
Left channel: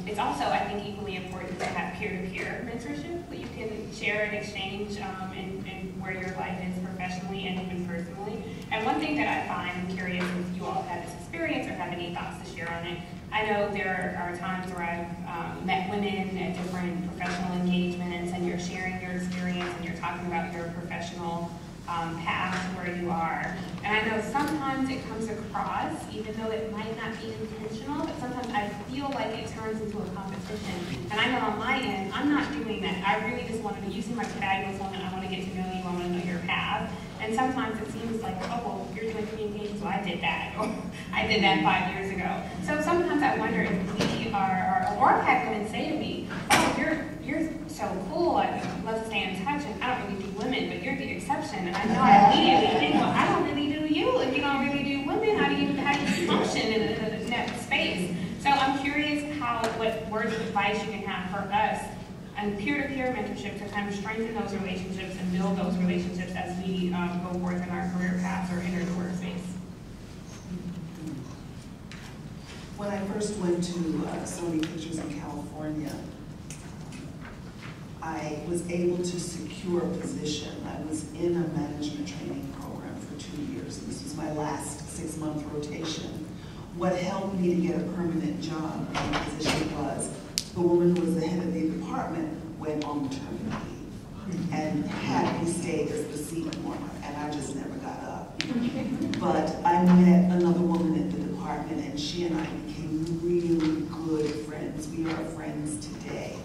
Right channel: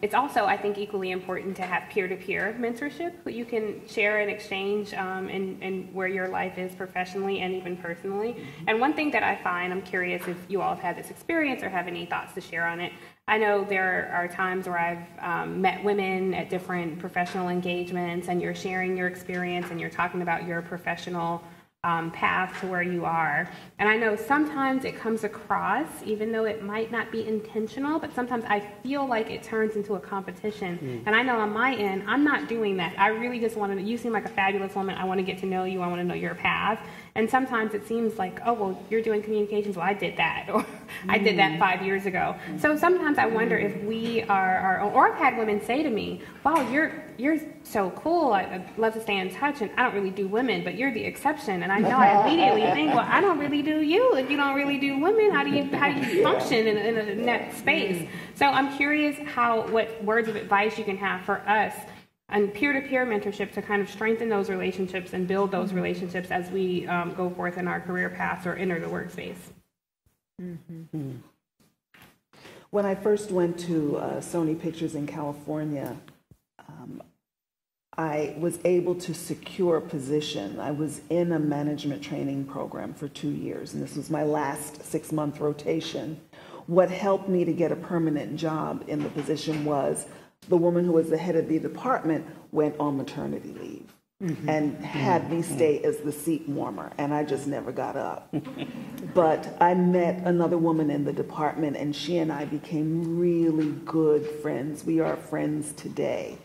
it's also, I think, equally important to have peer-to-peer mentorship, but you can share and exchange in where your life is professionally and even personally. And one thing that I find, I'm curious if you all have had this experience or have any thoughts to share on it. I know there are times where I've met women at different professional engagements, and you're sharing your experience and you're talking about your professional path to where you are. And I know sometimes it comes across, even though it might not be intentional, but sometimes I feel like it turns into a competition. And I know on my end, I'm not doing that. I really just want to, you seem like a fabulous woman, I want to get to know you, I want to know your path. And sometimes it seems like, oh, well, you're doing communications, well, I did that, or I did that 5 years ago. So sometimes I wonder if we are or I've had women say to me, wow, you're so cool, I'd love to stay in touch, and I don't really do women, but you're the exception. And I know I immediately think, well, I don't really do you, if you don't really do women, how do you function in that space? So I'm curious what words of advice you can have for us and peer-to-peer mentorship to kind of strengthen those relationships and build those relationships as we go forth in our career paths or enter the workspace. When I first went to Sony Pictures in California, I was able to secure a position. I was in a management training program for 2 years, and this was my last 6-month rotation. What helped me to get a permanent job in the position was the woman who was the head of the department went on maternity leave and had me stay as the seat warmer, and I just never got up. But I met another woman in the department, and she and I became really good friends. We are friends today.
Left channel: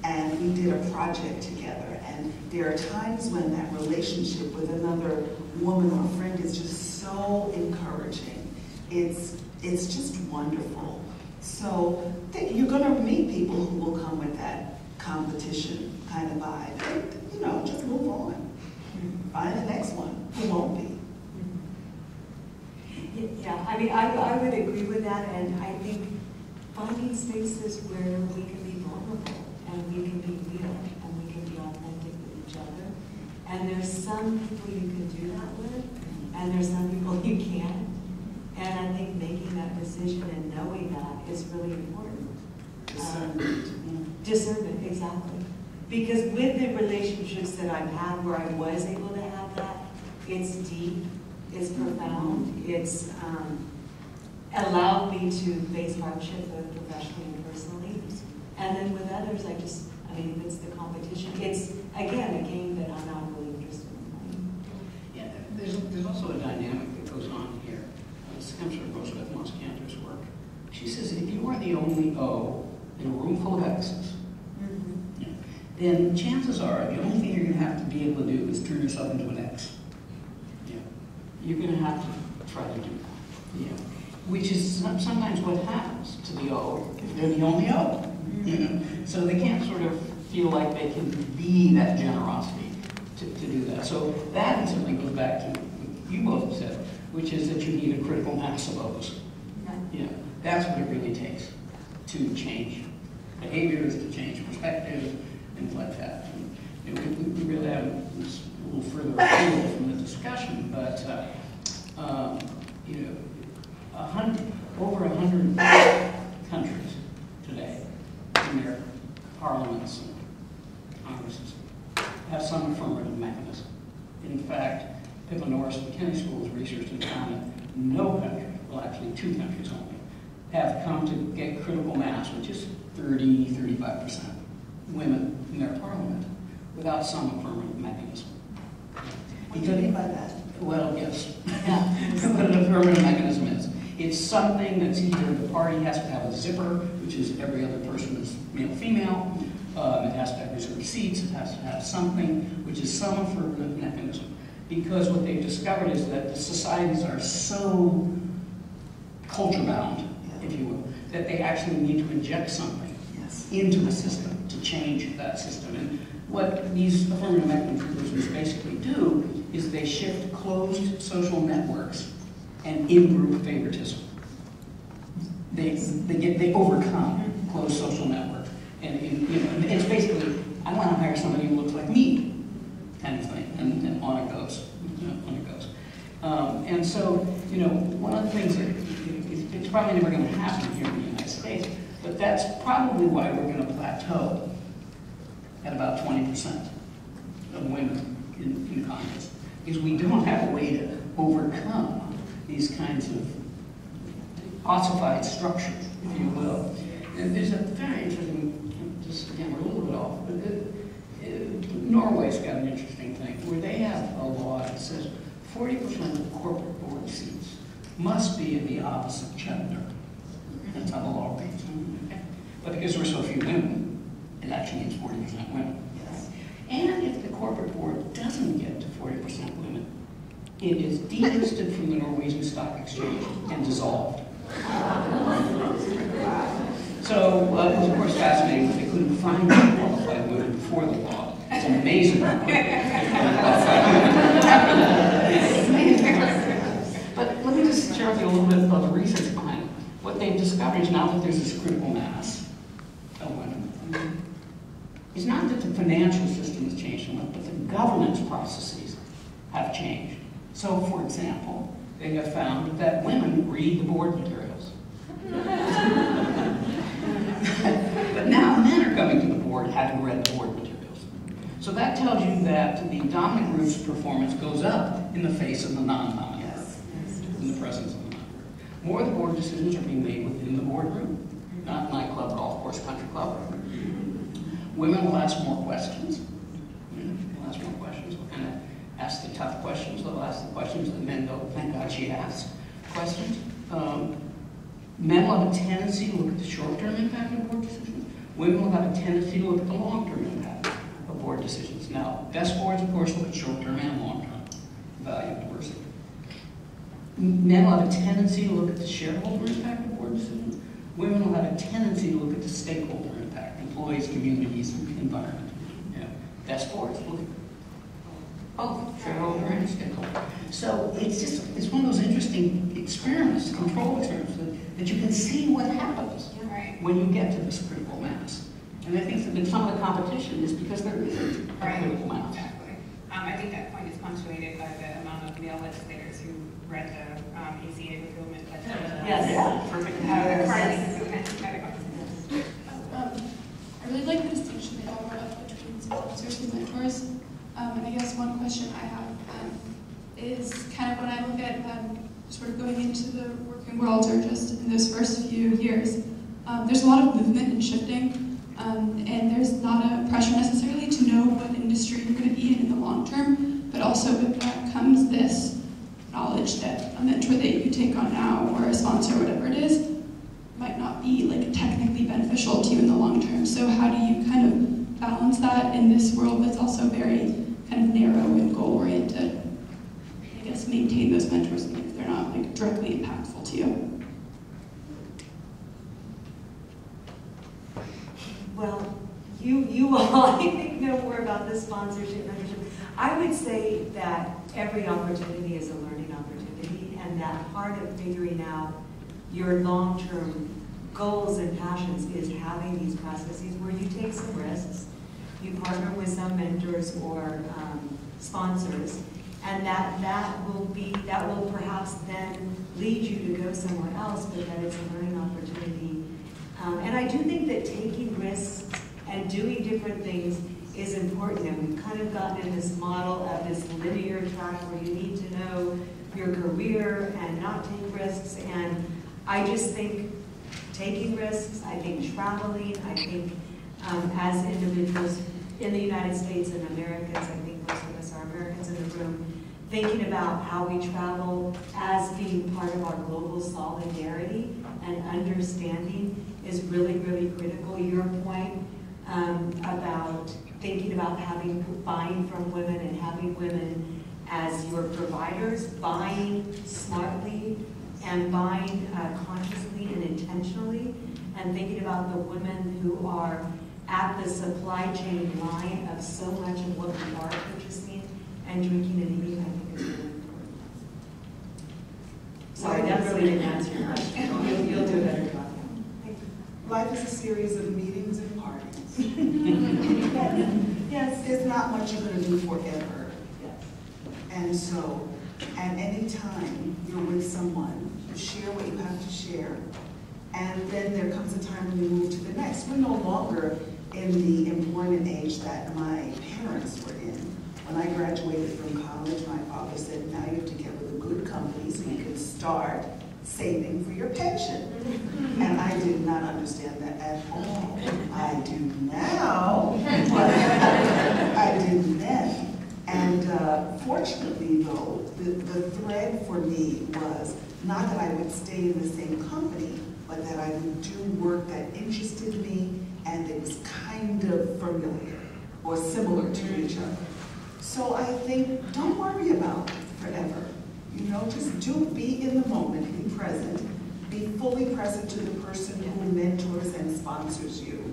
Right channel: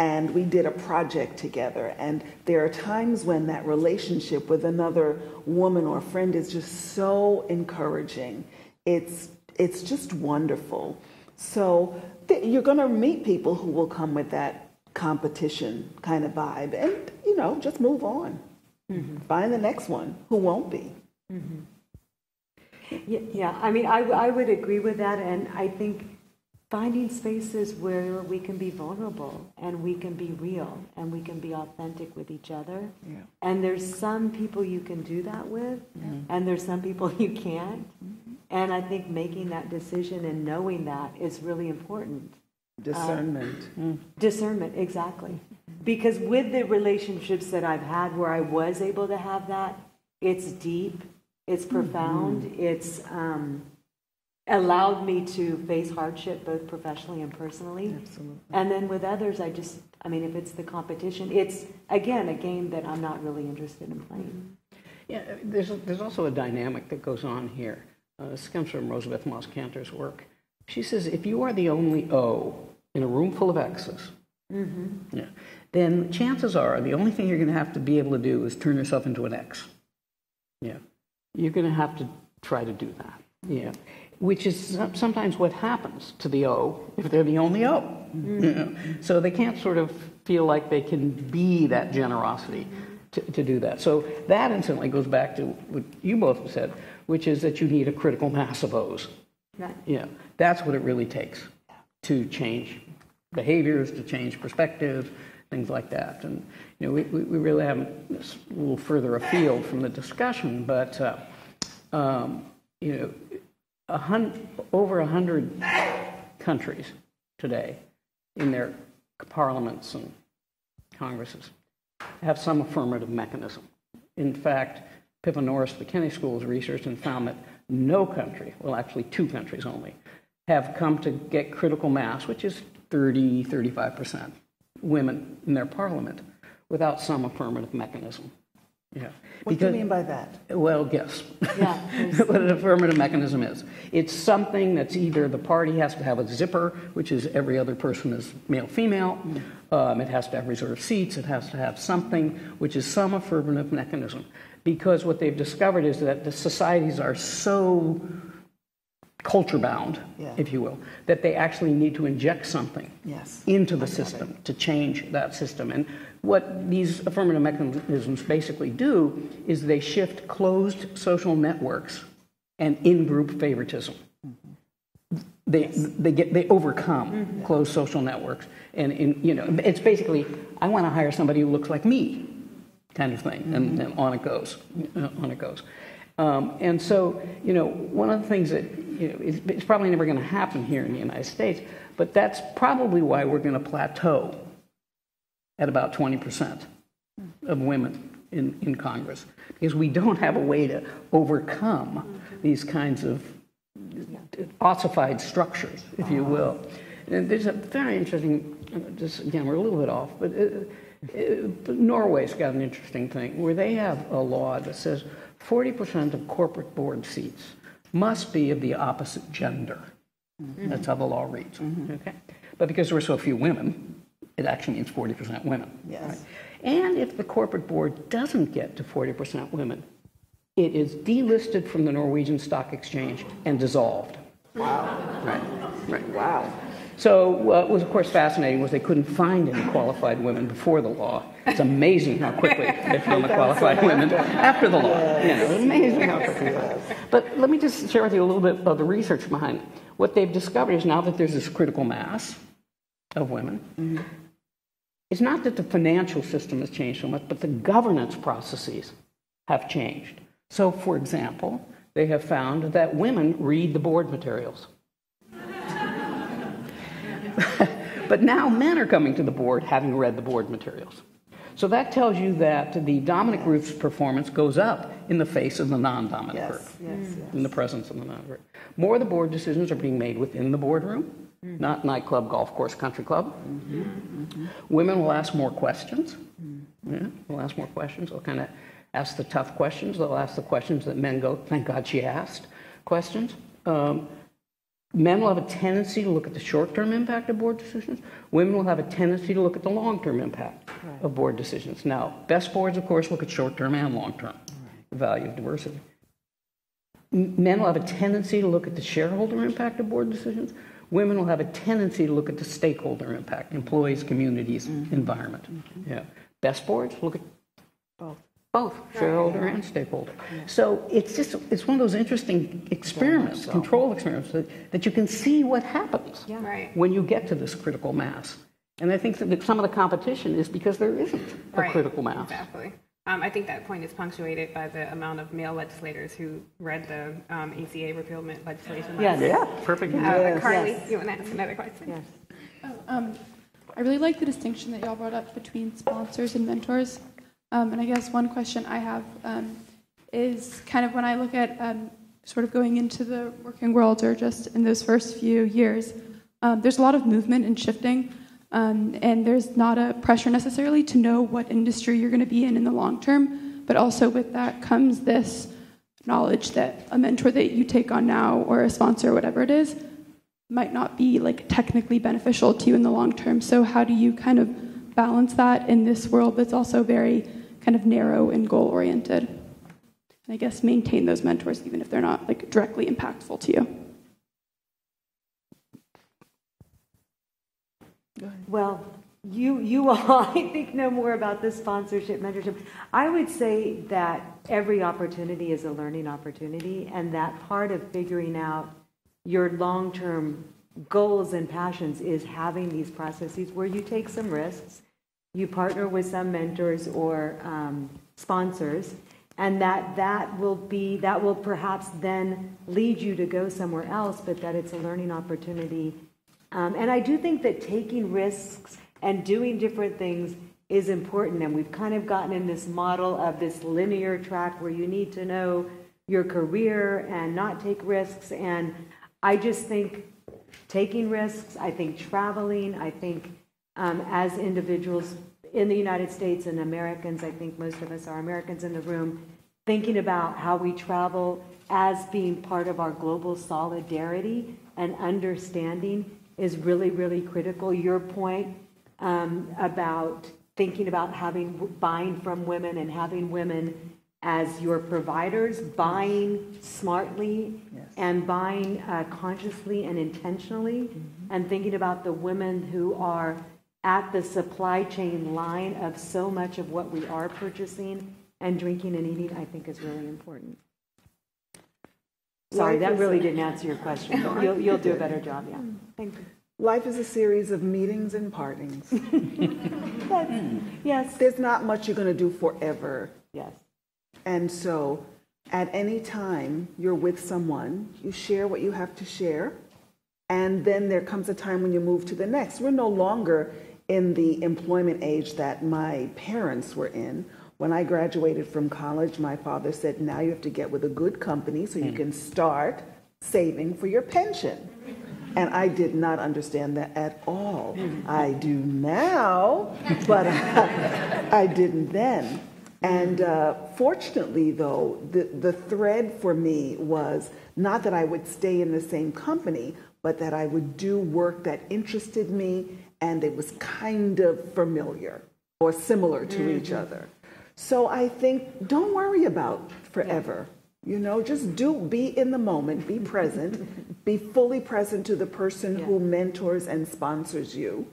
And we did a project together, and there are times when that relationship with another woman or friend is just so encouraging. It's just wonderful. So you're going to meet people who will come with that competition kind of vibe, and just move on. Find the next one who won't be. Yeah, I mean, I would agree with that, and I think finding spaces where we can be vulnerable and we can be real and we can be authentic with each other. And there's some people you can do that with, and there's some people you can't. And I think making that decision and knowing that is really important. Discernment. Discernment, exactly. Because with the relationships that I've had where I was able to have that, it's deep, it's profound, it's allowed me to face hardship both professionally and personally. And then with others, if it's the competition, it's, again, a game that I'm not really interested in playing. Yeah, there's also a dynamic that goes on here. This comes from Rosebeth Moss Cantor's work. She says, if you are the only O in a room full of X's, then chances are the only thing you're going to have to be able to do is turn yourself into an X. Yeah, you're going to have to try to do that. Yeah, which is sometimes what happens to the O if they're the only O. So they can't sort of feel like they can be that generosity to do that. So that instantly goes back to what you both said, which is that you need a critical mass of O's. Right. Yeah, that's what it really takes to change behaviors, to change perspectives, things like that. And we really have this a little further afield from the discussion, but over 100 countries today in their parliaments and congresses have some affirmative mechanism. In fact, Pippa Norris of the Kennedy School has researched and found that no country, well actually 2 countries only, have come to get critical mass, which is 35% women in their parliament, without some affirmative mechanism. Yeah. What do you mean by that? Well, yes. Yeah. What an affirmative mechanism is. It's something that's either the party has to have a zipper, which is every other person is male-female. It has to have reserved seats. It has to have something which is some affirmative mechanism. Because what they've discovered is that the societies are so culture-bound, if you will, that they actually need to inject something into the system to change that system. And what these affirmative mechanisms basically do is they shift closed social networks and in-group favoritism. They overcome closed social networks. And it's basically, I want to hire somebody who looks like me, kind of thing, and on it goes. And so, one of the things that it's probably never going to happen here in the United States, but that's probably why we're going to plateau at about 20% of women in Congress, is we don't have a way to overcome these kinds of ossified structures, if you will. There's a very interesting, again, we're a little bit off, but Norway's got an interesting thing where they have a law that says 40% of corporate board seats must be of the opposite gender. That's how the law reads. Okay? But because there are so few women, it actually means 40% women. Yes. Right? And if the corporate board doesn't get to 40% women, it is delisted from the Norwegian Stock Exchange and dissolved. Wow. Right. Wow. So it was, of course, fascinating that they couldn't find any qualified women before the law. It's amazing how quickly they found qualified women after the law. It's amazing. But let me just share with you a little bit of the research behind it. What they've discovered is now that there's this critical mass of women, it's not that the financial system has changed so much, but the governance processes have changed. So, for example, they have found that women read the board materials. But now men are coming to the board having read the board materials. So that tells you that the dominant group's performance goes up in the face of the non-dominant group, in the presence of the non-dominant group. More of the board decisions are being made within the boardroom, not nightclub, golf course, country club. Women will ask more questions. Yeah, they'll ask more questions. They'll kind of ask the tough questions. They'll ask the questions that men go, thank God she asked questions. Men will have a tendency to look at the short-term impact of board decisions. Women will have a tendency to look at the long-term impact of board decisions. Now, best boards, of course, look at short-term and long-term, the value of diversity. Men will have a tendency to look at the shareholder impact of board decisions. Women will have a tendency to look at the stakeholder impact, employees, communities, environment. Yeah. Best boards look at both shareholder and stakeholder. So it's one of those interesting experiments, control experiments, that you can see what happens when you get to this critical mass. And I think that some of the competition is because there is a critical mass. Exactly. I think that point is punctuated by the amount of male legislators who read the ACA repealment legislation. Yes. Yeah, perfect. Carly, you want to ask another question? Yes. I really like the distinction that y'all brought up between sponsors and mentors. And I guess one question I have is kind of when I look at sort of going into the working world or just in those first few years, there's a lot of movement and shifting. And there's not a pressure necessarily to know what industry you're going to be in the long term, but also with that comes this knowledge that a mentor that you take on now or a sponsor or whatever it is might not be like technically beneficial to you in the long term. So how do you kind of balance that in this world that's also very kind of narrow and goal oriented? I guess maintain those mentors even if they're not like directly impactful to you. Well, you all, I think, know more about this sponsorship, mentorship. I would say that every opportunity is a learning opportunity, and that part of figuring out your long-term goals and passions is having these processes where you take some risks, you partner with some mentors or sponsors, and that will perhaps then lead you to go somewhere else, but that it's a learning opportunity. And I do think that taking risks and doing different things is important. And we've kind of gotten in this model of this linear track where you need to know your career and not take risks. And I just think taking risks, I think traveling, I think as individuals in the United States and Americans, I think most of us are Americans in the room, thinking about how we travel as being part of our global solidarity and understanding is really, really critical. Your point about thinking about buying from women and having women as your providers, buying smartly and buying consciously and intentionally, and thinking about the women who are at the supply chain line of so much of what we are purchasing and drinking and eating, I think is really important. Sorry, that really didn't answer your question. You'll do a better job. Thanks. Life is a series of meetings and partings. Yes. There's not much you're going to do forever. Yes. And so, at any time you're with someone, you share what you have to share, and then there comes a time when you move to the next. We're no longer in the employment age that my parents were in. When I graduated from college, my father said, now you have to get with a good company so you can start saving for your pension. And I did not understand that at all. I do now, but I didn't then. And fortunately, though, the thread for me was not that I would stay in the same company, but that I would do work that interested me and it was kind of familiar or similar to each other. So I think, don't worry about forever. You know, just be in the moment, be present, be fully present to the person who mentors and sponsors you.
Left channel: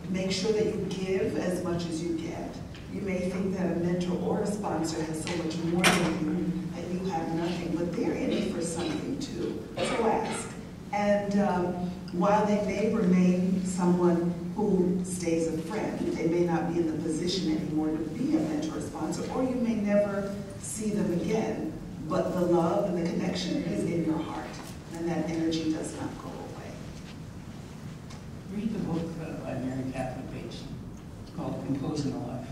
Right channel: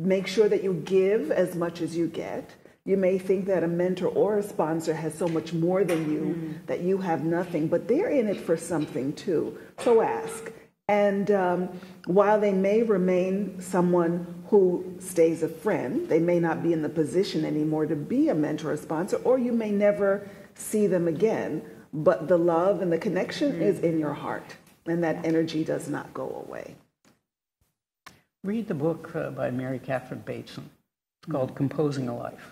Make sure that you give as much as you get. You may think that a mentor or a sponsor has so much more than you, that you have nothing, but they're in it for something too. So ask. And while they may remain someone who stays a friend, they may not be in the position anymore to be a mentor or sponsor, or you may never see them again, but the love and the connection is in your heart, and that energy does not go away. read the book by Mary Catherine Bateson. It's called Composing a Life.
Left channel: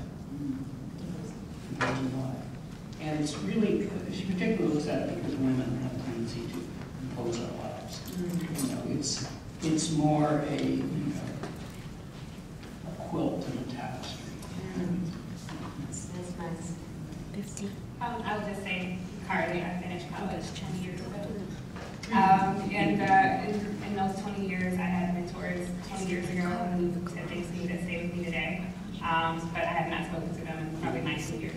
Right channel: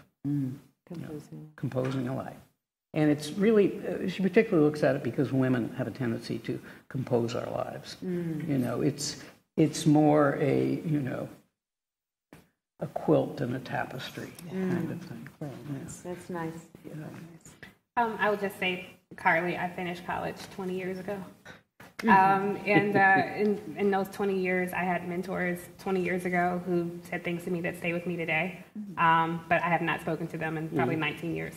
Composing a Life. And it's really, she particularly looks at it because women have a tendency to compose our lives. You know, it's more a, a quilt than a tapestry. That's nice. I would just say, Carly, I finished college 20 years ago. And in those 20 years, I had mentors 20 years ago who said things to me that stay with me today. But I had not spoken to them in probably 19 years.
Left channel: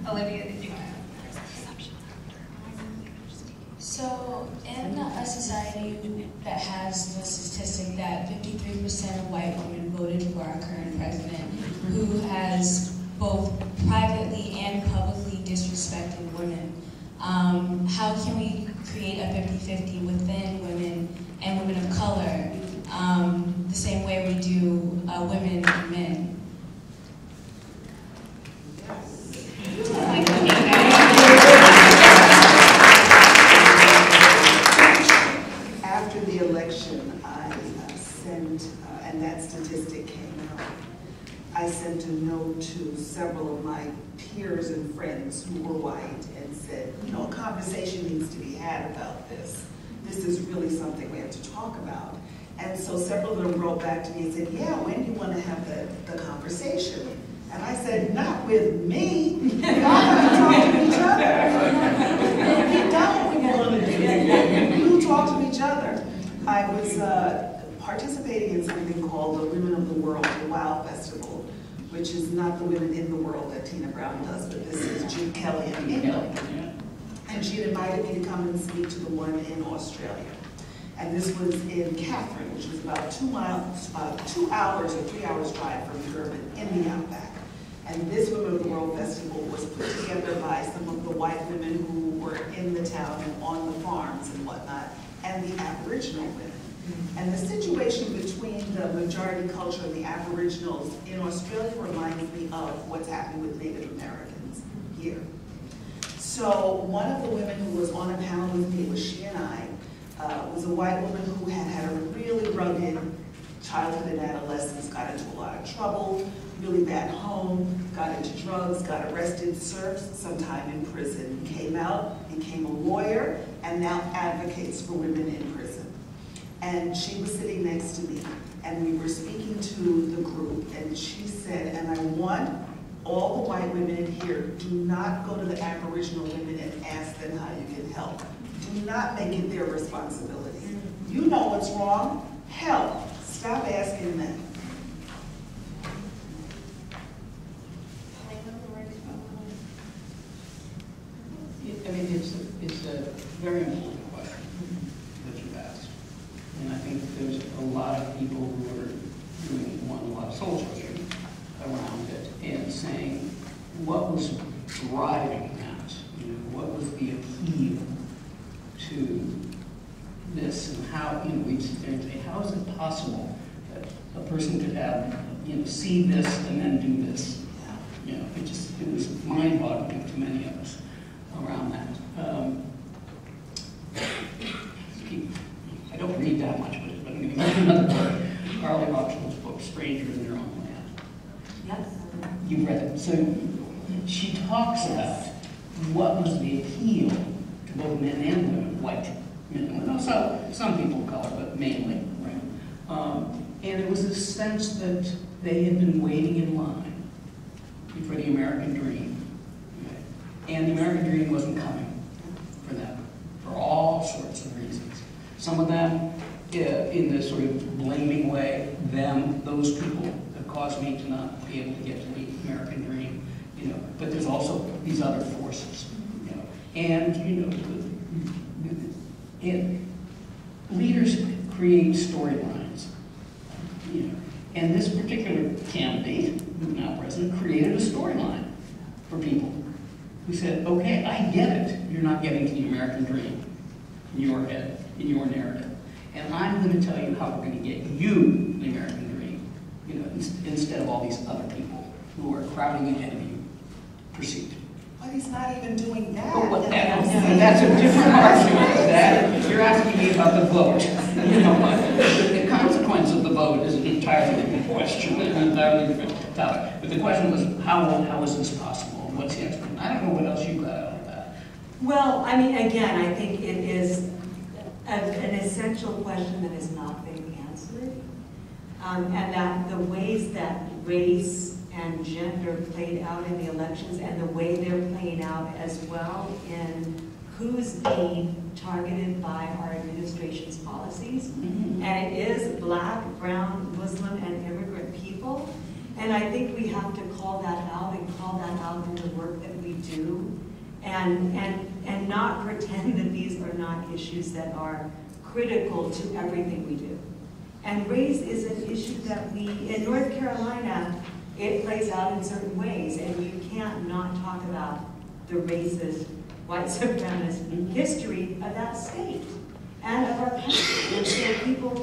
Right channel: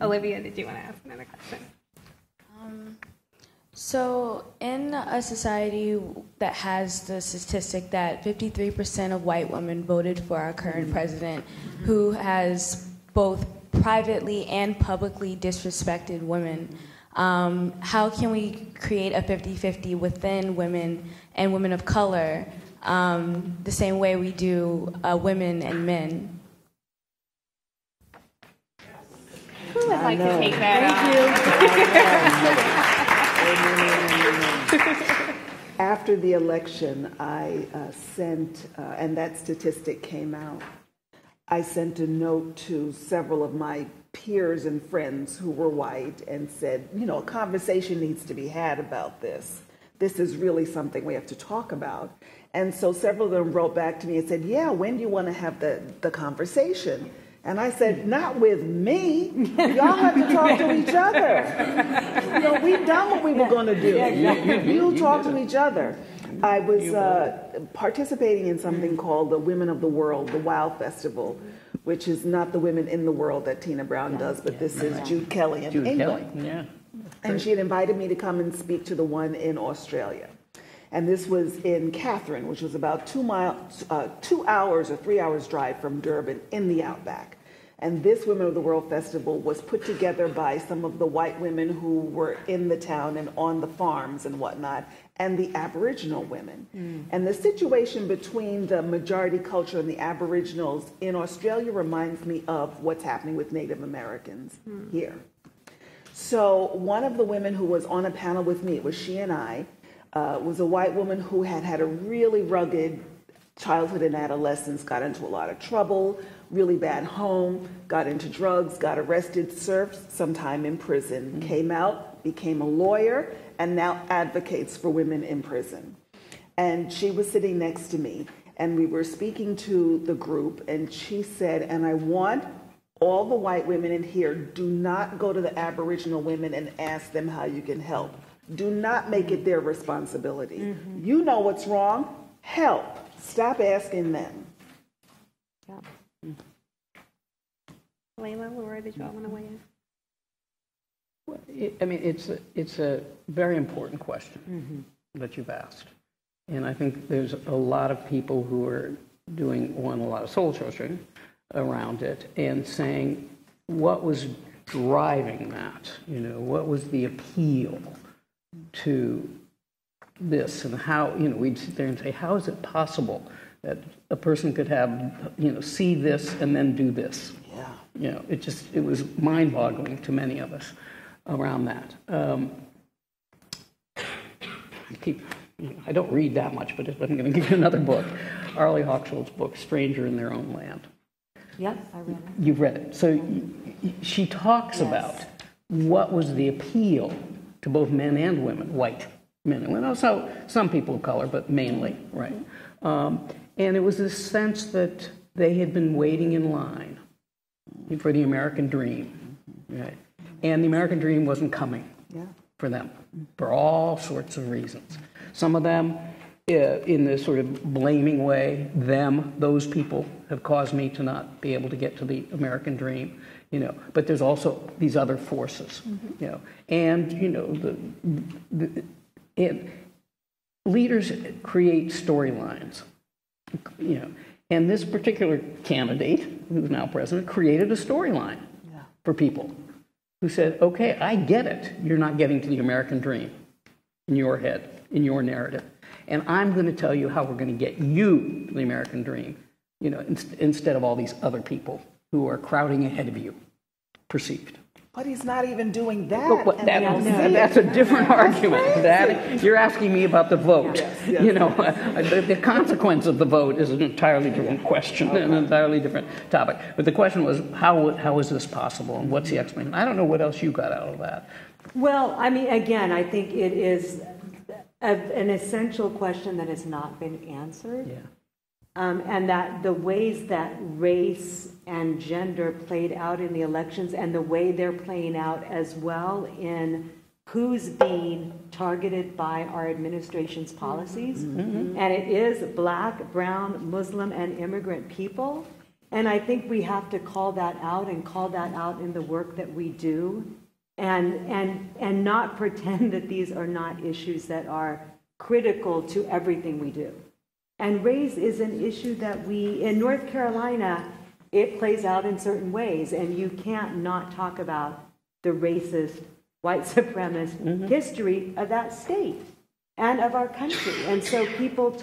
Olivia, did you want to ask another question? So, in a society that has the statistic that 53% of white women voted for our current president, who has both privately and publicly disrespected women, how can we create a 50-50 within women and women of color, the same way we do women and men? After the election, I sent, and that statistic came out, I sent a note to several of my peers and friends who were white and said, a conversation needs to be had about this. This is really something we have to talk about. And so several of them wrote back to me and said, yeah, when do you want to have the conversation? And I said, not with me. Y'all have to talk to each other. We've done what we were going to do. You talk to each other. I was participating in something called the Women of the World, the WOW Festival, which is not the Women in the World that Tina Brown does, but this is Jude Kelly in England. And she had invited me to come and speak to the one in Australia. And this was in Catherine, which was about 2 hours or 3 hours drive from Durban in the outback. And this Women of the World Festival was put together by some of the white women who were in the town and on the farms and whatnot, and the Aboriginal women. And the situation between the majority culture and the Aboriginals in Australia reminds me of what's happening with Native Americans here. So one of the women who was on a panel with me was she and I, was a white woman who had a really rugged childhood and adolescence, got into a lot of trouble, really bad home, got into drugs, got arrested, served some time in prison, came out, became a lawyer, and now advocates for women in prison. And she was sitting next to me, and we were speaking to the group, and she said, and I want all the white women in here, do not go to the Aboriginal women and ask them how you can help. Do not make it their responsibility. You know what's wrong, help. Stop asking them. Layla, or did you want to weigh in? I mean, it's a very important question that you've asked. And I think there's a lot of people who are doing, a lot of soul searching around it and saying, what was driving that? What was the appeal to this? And how, we'd sit there and say, how is it possible that a person could have, see this and then do this? It was mind-boggling to many of us around that. I don't read that much, but I'm going to give you another book, Arlie Hochschild's book, Stranger in Their Own Land. Yes, You've read it. So she talks about what was the appeal to both men and women, white men and women, also some people of color, but mainly, right? And it was a sense that they had been waiting in line for the American dream, right? And the American dream wasn't coming for them for all sorts of reasons. Some of them, in this sort of blaming way, those people have caused me to not be able to get to the American dream, But there's also these other forces, And, leaders create storylines, And this particular candidate, who's now president, created a storyline for people who said, okay, I get it. You're not getting to the American dream in your head, in your narrative. And I'm going to tell you how we're going to get you the American dream, instead of all these other people who are crowding ahead of you, perceived. But he's not even doing that. But what, that's a different argument. That, you're asking me about the vote. You know, the consequence of the vote is an entirely different question, an entirely different topic. But the question was, how is this possible, and what's the explanation? I don't know what else you got out of that. Well, I mean, again, I think it is an essential question that has not been answered. And that the ways that race and gender played out in the elections and the way they're playing out as well in who's being targeted by our administration's policies. And it is Black, brown, Muslim, and immigrant people. And I think we have to call that out and call that out in the work that we do and not pretend that these are not issues that are critical to everything we do. And race is an issue that in North Carolina, it plays out in certain ways, and you can't not talk about the racist, white supremacist history of that state and of our country. And so people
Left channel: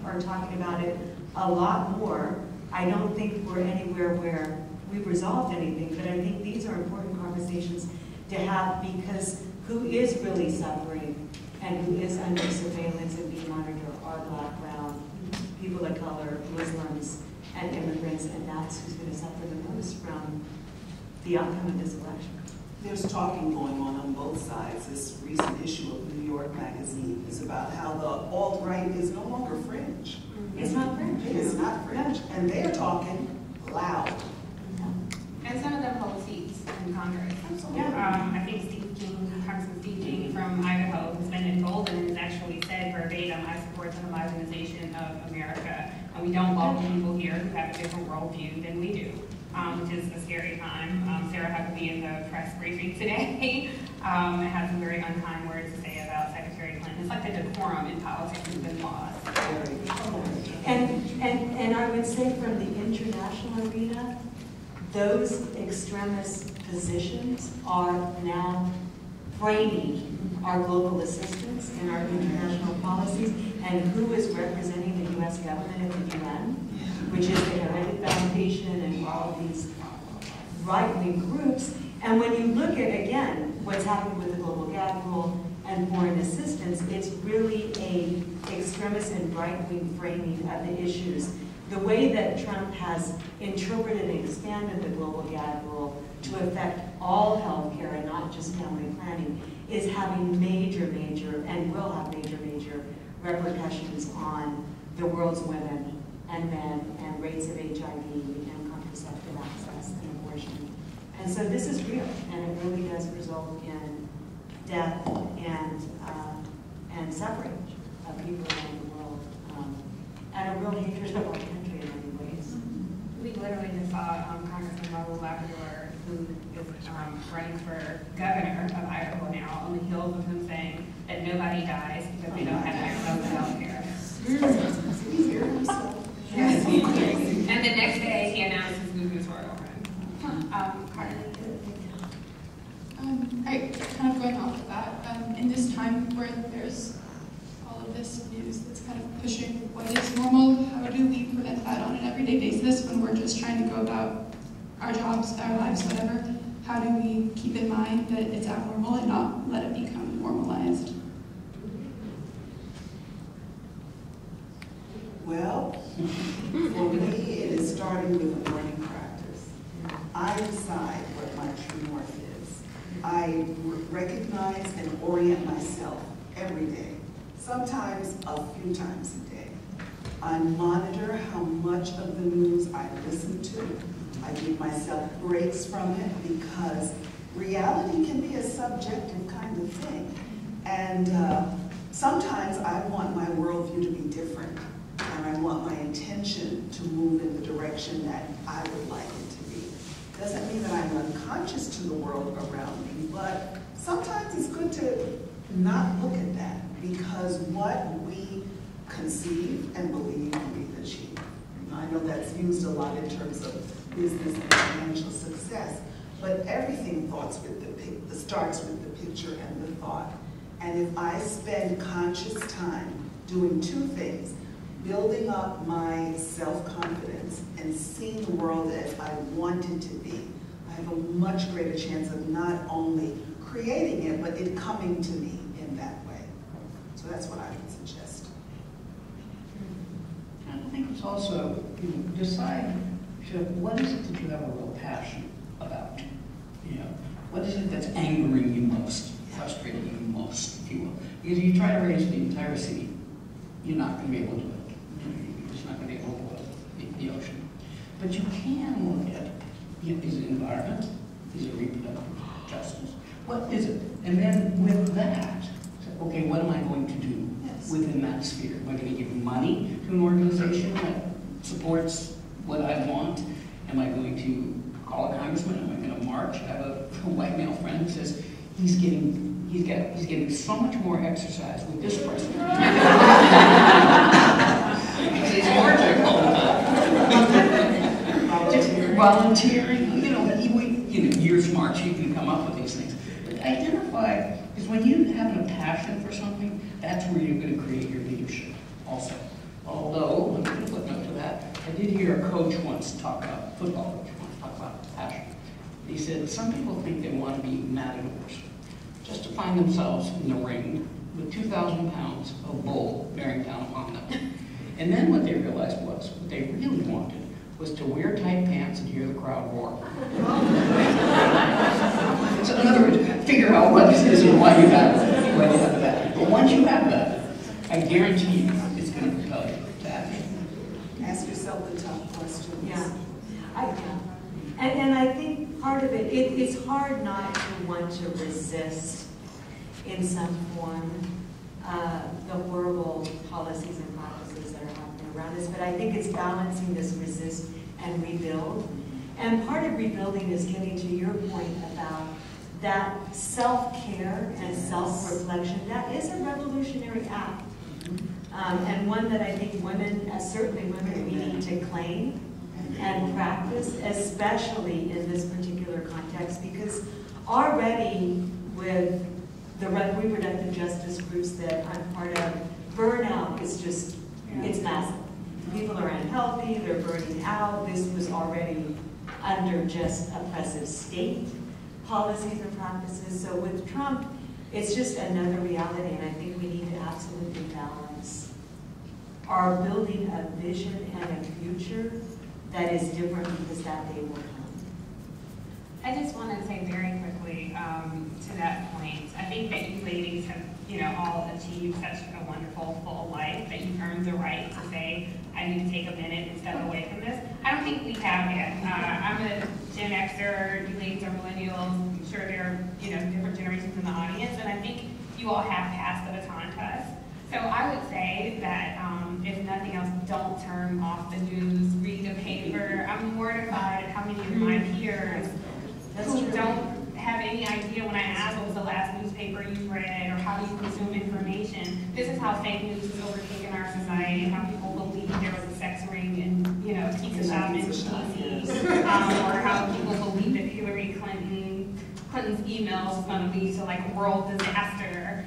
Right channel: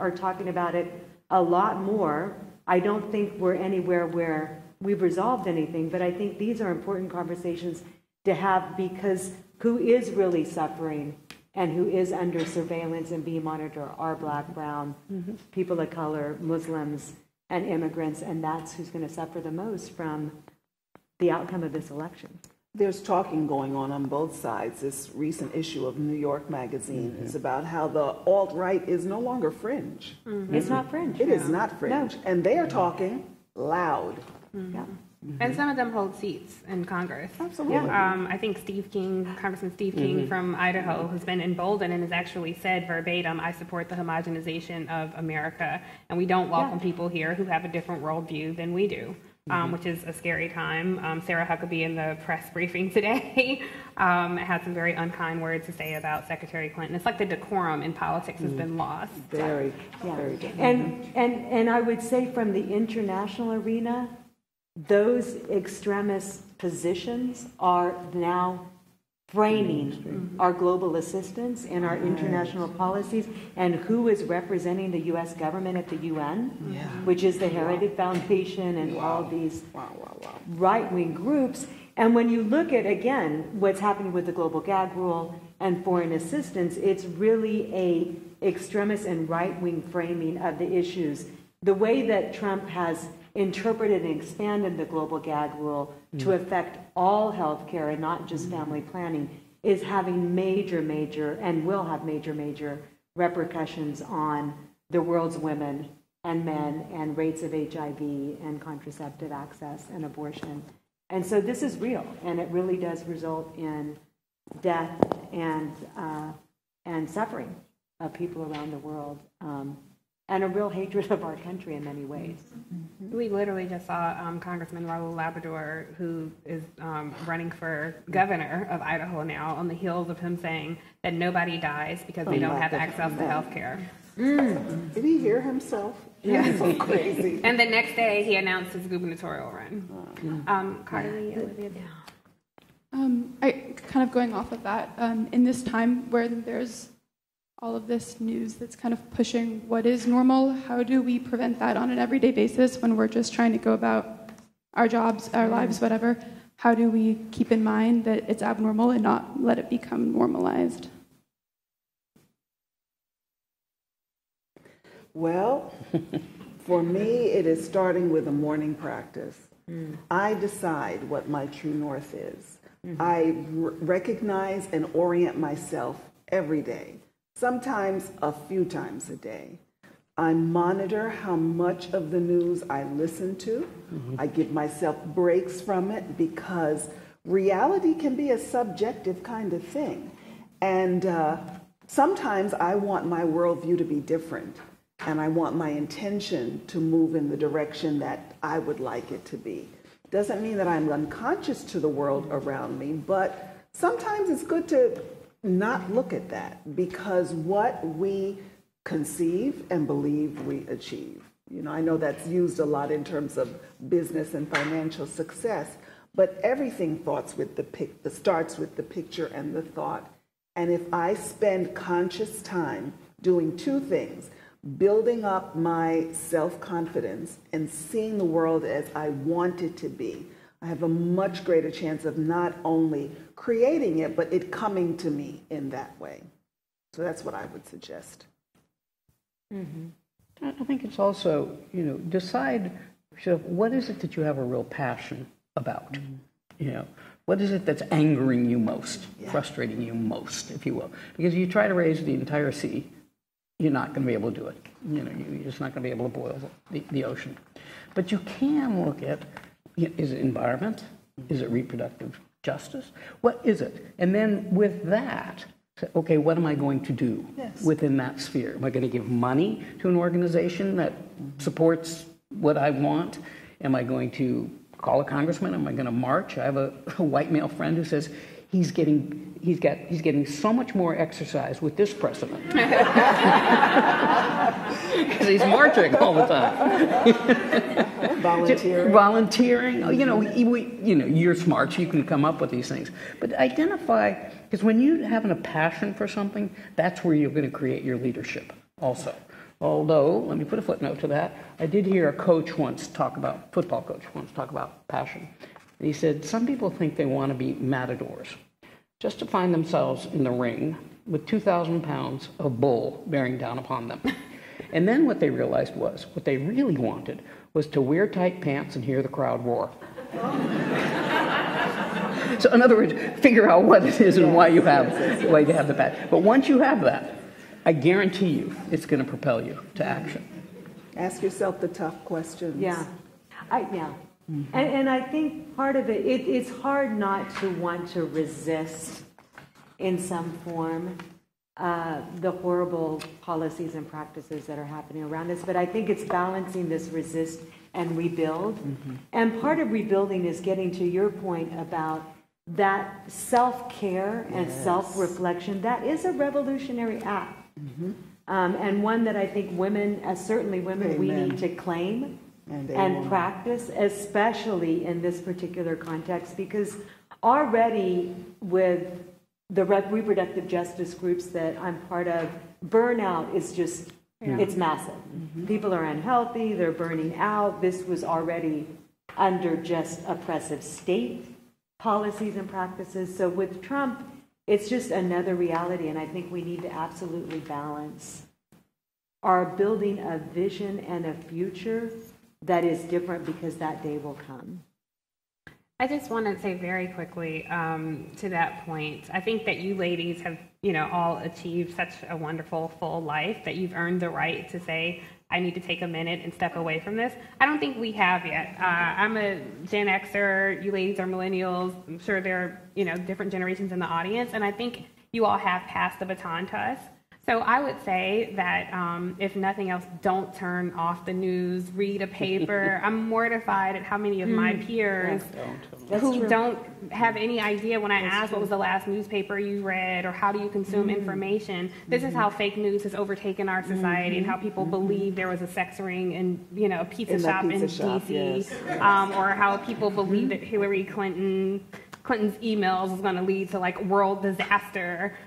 are talking about it a lot more. I don't think we're anywhere where we've resolved anything, but I think these are important conversations to have, because who is really suffering and who is under surveillance and being monitored are Black, brown, people of color, Muslims, and immigrants, and that's who's going to suffer the most from the outcome of this election. There's talking going on both sides. This recent issue of New York Magazine is about how the alt-right is no longer fringe. It's not fringe. It is not fringe. No. And they are talking loud. Yeah. And some of them hold seats in Congress. Absolutely. I think Congressman Steve King from Idaho has been emboldened and has actually said verbatim, I support the homogenization of America, and we don't welcome people here who have a different worldview than we do, which is a scary time. Sarah Huckabee in the press briefing today had some very unkind words to say about Secretary Clinton. It's like the decorum in politics has been lost. And I would say from the international arena, those extremist positions are now framing our global assistance and our international policies, and who is representing the U.S. government at the UN, which is the Heritage Foundation and all these right-wing groups. And when you look at, again, what's happening with the global gag rule and foreign assistance, it's really a extremist and right-wing framing of the issues. The way that Trump has interpreted and expanded the global gag rule to affect all health care and not just family planning is having major, and will have major repercussions on the world's women and men and rates of HIV and contraceptive access and abortion. And so this is real, and it really does result in death and suffering of people around the world. And a real hatred of our country in many ways. We literally just saw Congressman Raul Labrador, who is running for governor of Idaho now, on the heels of him saying that nobody dies because they don't have access to health care. Did he hear himself? Yes. And the next day, he announced his gubernatorial run. Carly? I kind of going off of that, in this time where there's all of this news that's kind of pushing what is normal, how do we prevent that on an everyday basis when we're just trying to go about our jobs, our lives, whatever? How do we keep in mind that it's abnormal and not let it become normalized? Well, for me, it is starting with a morning practice. I decide what my true north is. I recognize and orient myself every day. Sometimes a few times a day. I monitor how much of the news I listen to. I give myself breaks from it because reality can be a subjective kind of thing. And sometimes I want my worldview to be different, and I want my intention to move in the direction that I would like it to be. Doesn't mean that I'm unconscious to the world around me, but sometimes it's good to not look at that, because what we conceive and believe we achieve. You know, I know that's used a lot in terms of business and financial success, but everything starts with the picture and the thought. And if I spend conscious time doing two things, building up my self-confidence and seeing the world as I want it to be, I have a much greater chance of not only creating it, but it coming to me in that way. So that's what I would suggest. Mm-hmm. I think it's also, decide, so what is it that you have a real passion about? What is it that's angering you most, frustrating you most, if you will? Because you try to raise the entire sea, you're not going to be able to do it. You're just not going to be able to boil the ocean. But you can look at, is it environment? Is it reproductive justice? What is it? And then with that, say, okay, what am I going to do within that sphere? Am I going to give money to an organization that supports what I want? Am I going to call a congressman? Am I going to march? I have a white male friend who says he's getting so much more exercise with this president. He's marching all the time. Volunteering. You're smart. You can come up with these things. But identify, because when you're having a passion for something, that's where you're going to create your leadership also. Although, let me put a footnote to that, I did hear a football coach once talk about passion. And he said, some people think they want to be matadors, just to find themselves in the ring with 2,000 pounds of bull bearing down upon them. And then what they realized was, what they really wanted was to wear tight pants and hear the crowd roar. So in other words, figure out what it is and why you have the passion. But once you have that, I guarantee you it's going to propel you to action. Ask yourself the tough questions. Yeah. And I think part of it's hard not to want to resist in some form the horrible policies and practices that are happening around us. But I think it's balancing this resist and rebuild. And part of rebuilding is getting to your point about that self-care and self-reflection. That is a revolutionary act. And one that I think women, certainly women, we need to claim and practice, especially in this particular context, because already with the reproductive justice groups that I'm part of, burnout is just, it's massive. People are unhealthy, they're burning out. This was already under just oppressive state policies and practices. So with Trump, it's just another reality, and I think we need to absolutely balance our building a vision and a future that is different, because that day will come. I just want to say very quickly to that point, I think that you ladies have, all achieved such a wonderful, full life that you've earned the right to say, I need to take a minute and step away from this. I don't think we have yet. I'm a Gen Xer, you ladies are millennials. I'm sure there are, different generations in the audience, and I think you all have passed the baton to us. So I would say that if nothing else, don't turn off the news, read a paper. I'm mortified at how many of my peers who don't have any idea when I ask what was the last newspaper you read or how do you consume information. This is how fake news has overtaken our society and how people believe there was a sex ring in, a pizza shop in DC, or how people believe that Hillary Clinton's emails is going to lead to world disaster.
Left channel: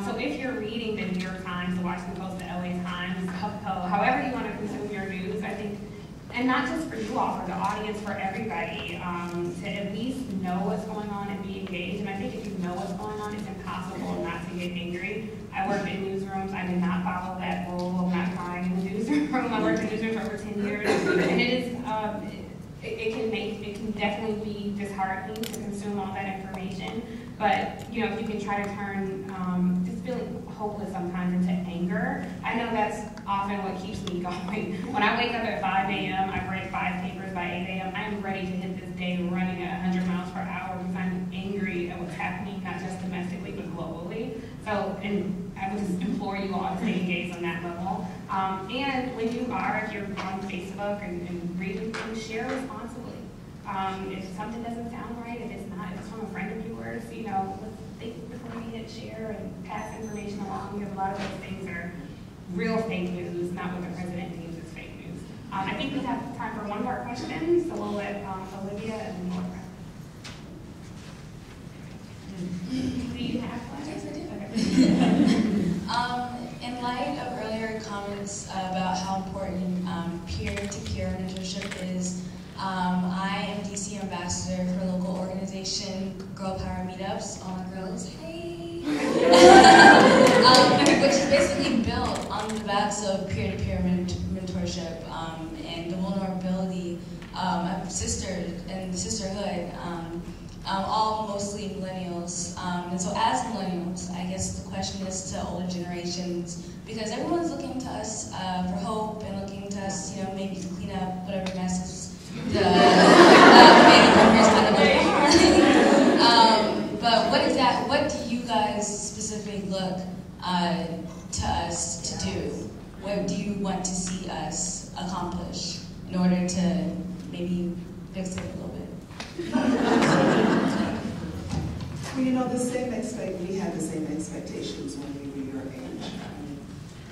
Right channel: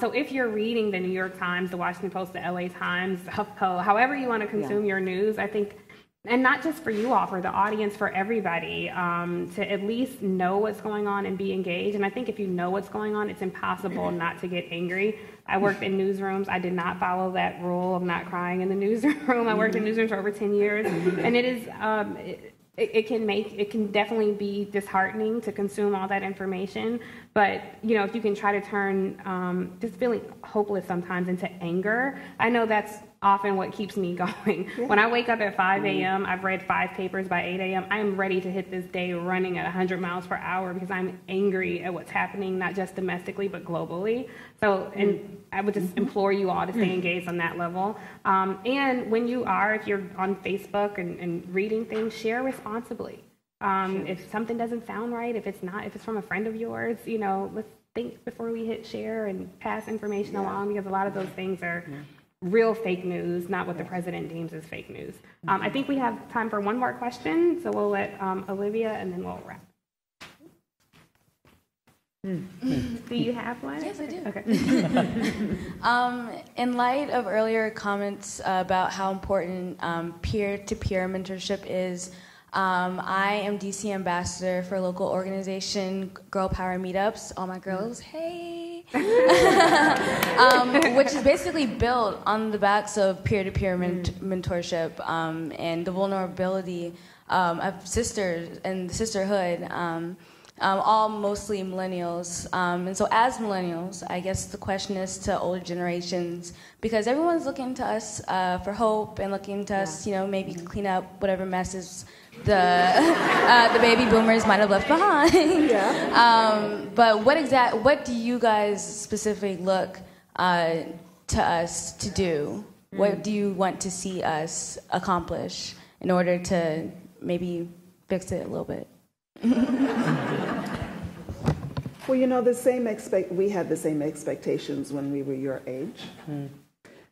So if you're reading the New York Times, the Washington Post, the LA Times, HuffPo, however you want to consume your news, I think, and not just for you all, for the audience, for everybody, to at least know what's going on and be engaged. And I think if you know what's going on, it's impossible not to get angry. I worked in newsrooms. I did not follow that rule of not crying in the newsroom. I worked in newsrooms for over 10 years. And it is, it can definitely be disheartening to consume all that information. But, if you can try to turn just feeling hopeless sometimes into anger, I know that's often what keeps me going. When I wake up at 5 a.m., I've read 5 papers by 8 a.m., I'm ready to hit this day running at 100 miles per hour because I'm angry at what's happening, not just domestically, but globally. So, and I would just implore you all to stay engaged on that level. And when you are, if you're on Facebook and reading things, share responsibly. If something doesn't sound right, if it's from a friend of yours, let's think before we hit share and pass information along, because a lot of those things are real fake news, not what the president deems as fake news. I think we have time for one more question, so we'll let Olivia and then we'll wrap. Do you have one? Yes, I do. Okay. In light of earlier comments about how important peer-to-peer mentorship is, I am DC ambassador for a local organization, Girl Power Meetups. All my girls, hey! Which is basically built on the backs of peer-to-peer mentorship and the vulnerability of sisters and sisterhood. All mostly millennials. And so as millennials, I guess the question is to older generations, because everyone's looking to us for hope and looking to us, maybe to clean up whatever messes the baby boomers might have left behind. But what do you guys specifically look to us to do? What do you want to see us accomplish in order to maybe fix it a little bit? Well, we had the same expectations when we were your age.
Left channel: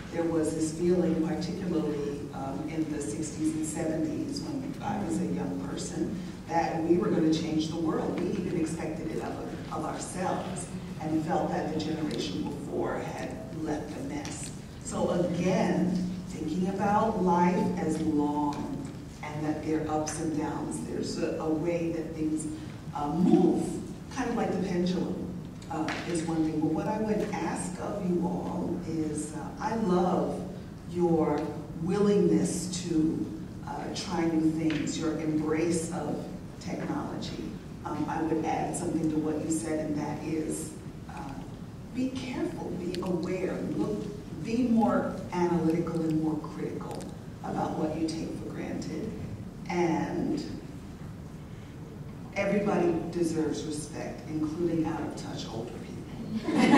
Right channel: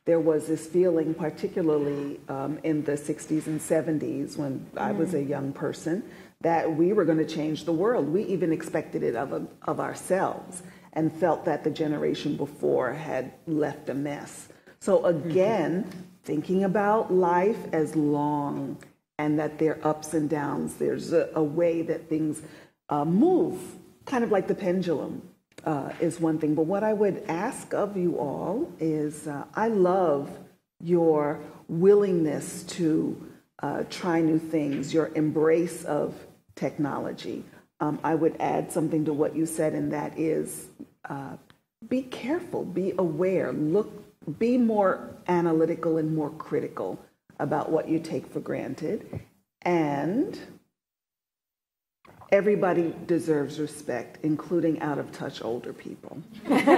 There was this feeling, particularly in the 60s and 70s when I was a young person, that we were going to change the world. We even expected it of ourselves and felt that the generation before had left a mess. So again, thinking about life as long and that there are ups and downs. There's a way that things move, kind of like the pendulum is one thing. But what I would ask of you all is, I love your willingness to try new things, your embrace of technology. I would add something to what you said, and that is, be careful, be aware, be more analytical and more critical about what you take for granted. And everybody deserves respect, including out-of-touch older people. Thank you.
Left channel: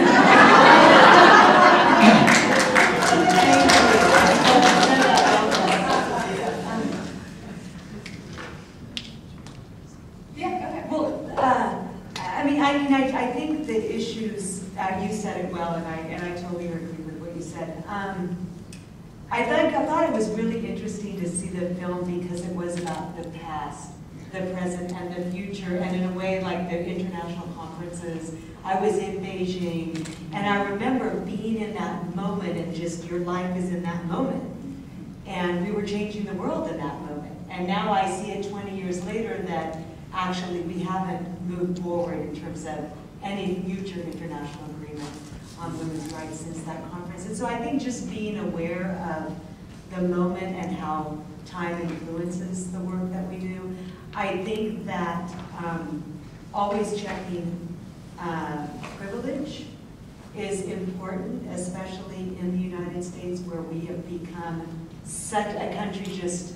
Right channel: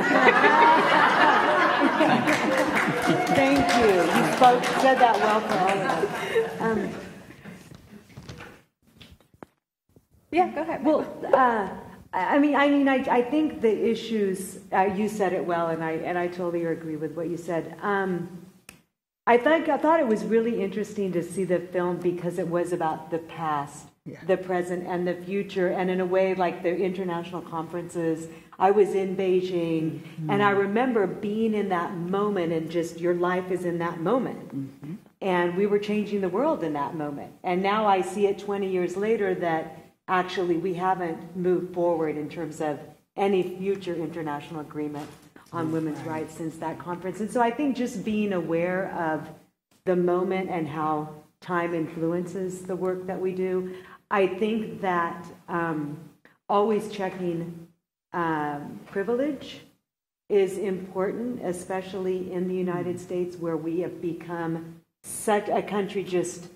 Yeah, go ahead. Well, I think the issues, you said it well, and I totally agree with what you said. I thought it was really interesting to see the film because it was about the past, the present, and the future, and in a way, like the international conferences. I was in Beijing, and I remember being in that moment, and just your life is in that moment. And we were changing the world in that moment. And now I see it 20 years later that actually we haven't moved forward in terms of any future international agreement on women's rights since that conference. And so I think just being aware of the moment and how time influences the work that we do. I think that always checking privilege is important, especially in the United States, where we have become such a country just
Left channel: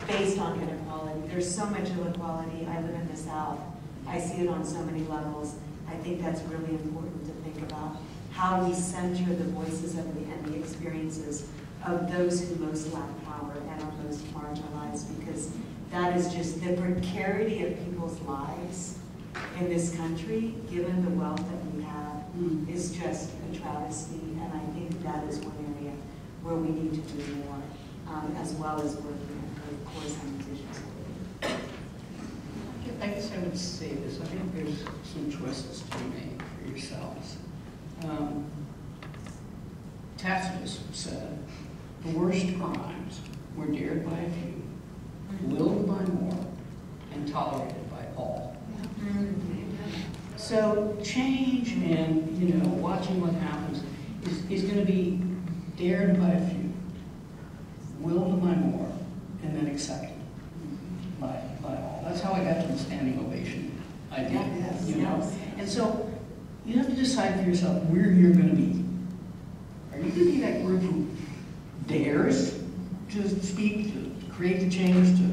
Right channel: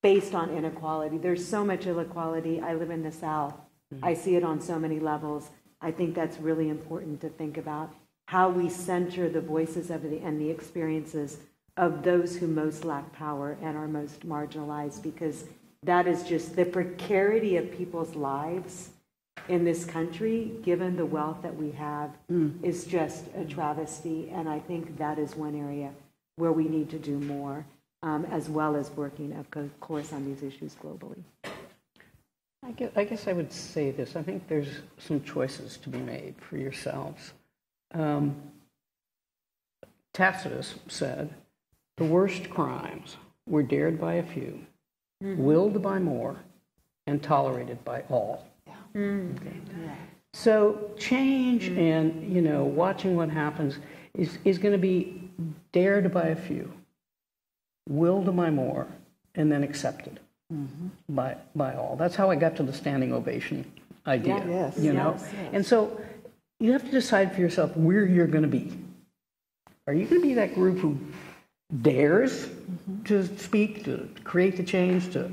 based on inequality. There's so much inequality. I live in the South. I see it on so many levels. I think that's really important to think about, how we center the voices of and the experiences of those who most lack power and are most marginalized, because that is just the precarity of people's lives in this country, given the wealth that we have, is just a travesty. And I think that is one area where we need to do more, as well as working, of course, on these issues locally. I guess I would say this. I think there's some choices to be made for yourselves. Tacitus said, the worst crimes were dared by a few, willed by more, and tolerated by all. So change and, watching what happens is going to be dared by a few, willed by more, and then accepted by all. That's how I got to the standing ovation idea, Yes. And so you have to decide for yourself where you're going to be. Are you going to be that group who dares to speak, to create the change, to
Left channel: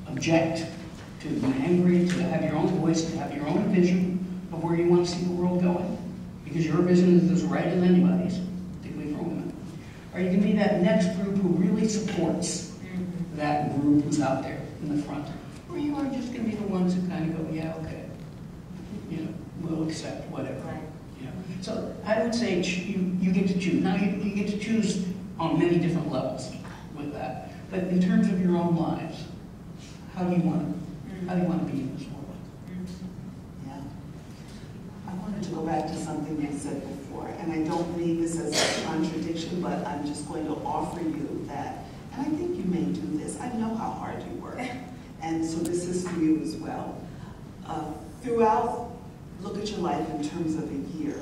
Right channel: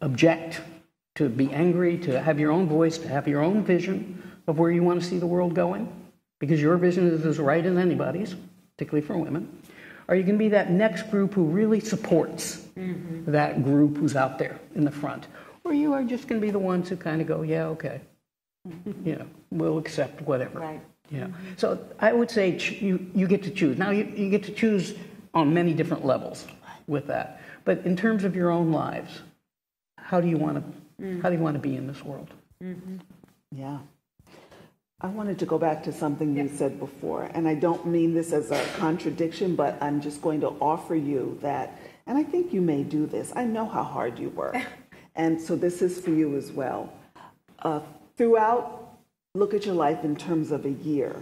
object, to be angry, to have your own voice, to have your own vision of where you want to see the world going? Because your vision is as right as anybody's, particularly for women. Are you going to be that next group who really supports that group who's out there in the front? Or you are just going to be the ones who kind of go, yeah, okay. We'll accept whatever. Right. So I would say you get to choose. Now you get to choose on many different levels with that. But in terms of your own lives, how do you want to be in this world? Yeah. I wanted to go back to something you said before, and I don't mean this as a contradiction, but I'm just going to offer you that, and I think you may do this. I know how hard you work. And so this is for you as well. Throughout, look at your life in terms of a year.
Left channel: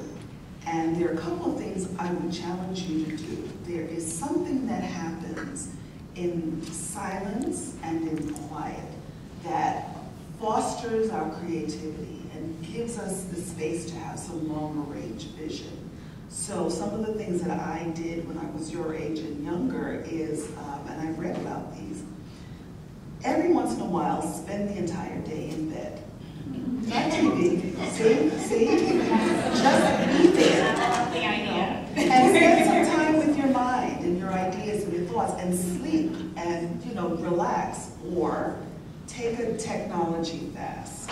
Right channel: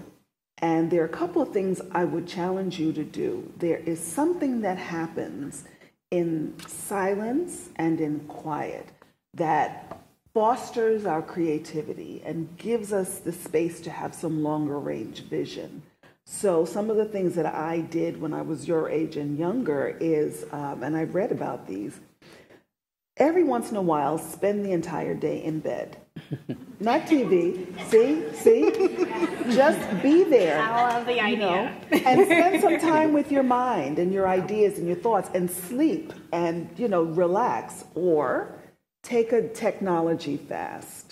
And there are a couple of things I would challenge you to do. There is something that happens in silence and in quiet that fosters our creativity and gives us the space to have some longer range vision. So some of the things that I did when I was your age and younger is, and I read about these, every once in a while spend the entire day in bed. Not TV, see? Just be there. I love the idea. And spend some time with your mind and your ideas and your thoughts and sleep and, relax. Or take a technology fast.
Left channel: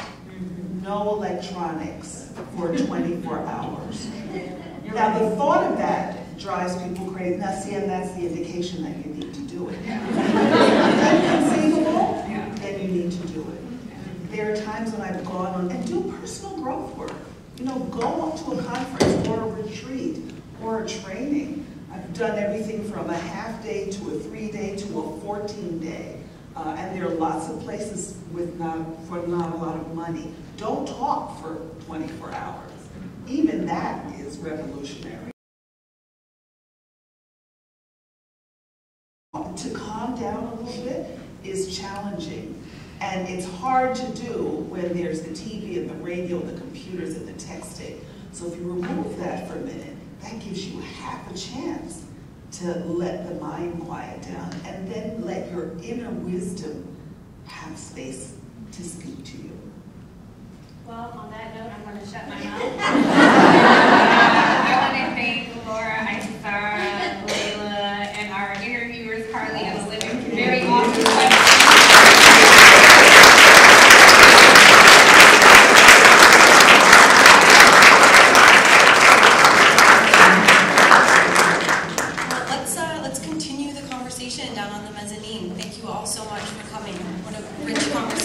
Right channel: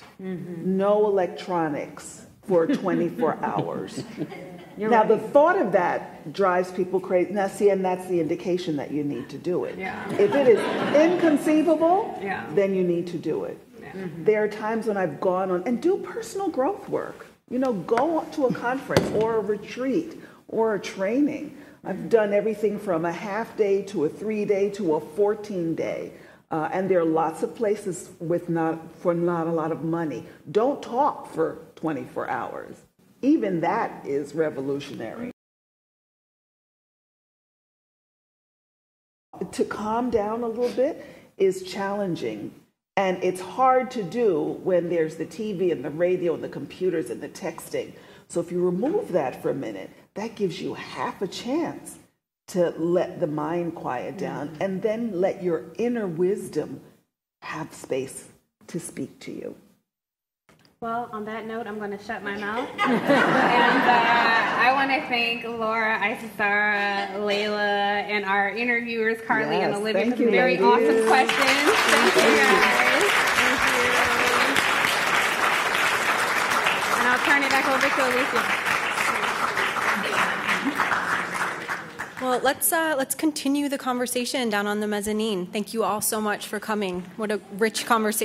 No electronics for 24 hours. Now, the thought of that drives people crazy. Now, see, and that's the indication that you need to do it. If it is inconceivable, then you need to do it. There are times when I've gone on and do personal growth work. Go to a conference or a retreat or a training. I've done everything from a half day to a 3-day to a 14-day. And there are lots of places for not a lot of money. Don't talk for 24 hours. Even that is revolutionary. To calm down a little bit is challenging. And it's hard to do when there's the TV and the radio, the computers and the texting. So if you remove that for a minute, that gives you half a chance to let the mind quiet down and then let your inner wisdom have space to speak to you. Well, on that note, I'm going to shut my mouth. I want to thank Laura, Isara, Layla, and our interviewers, Carly and Olivia. Thank you, Very ladies. awesome. Let's continue the conversation down on the mezzanine. Thank you all so much for coming. What a rich conversation.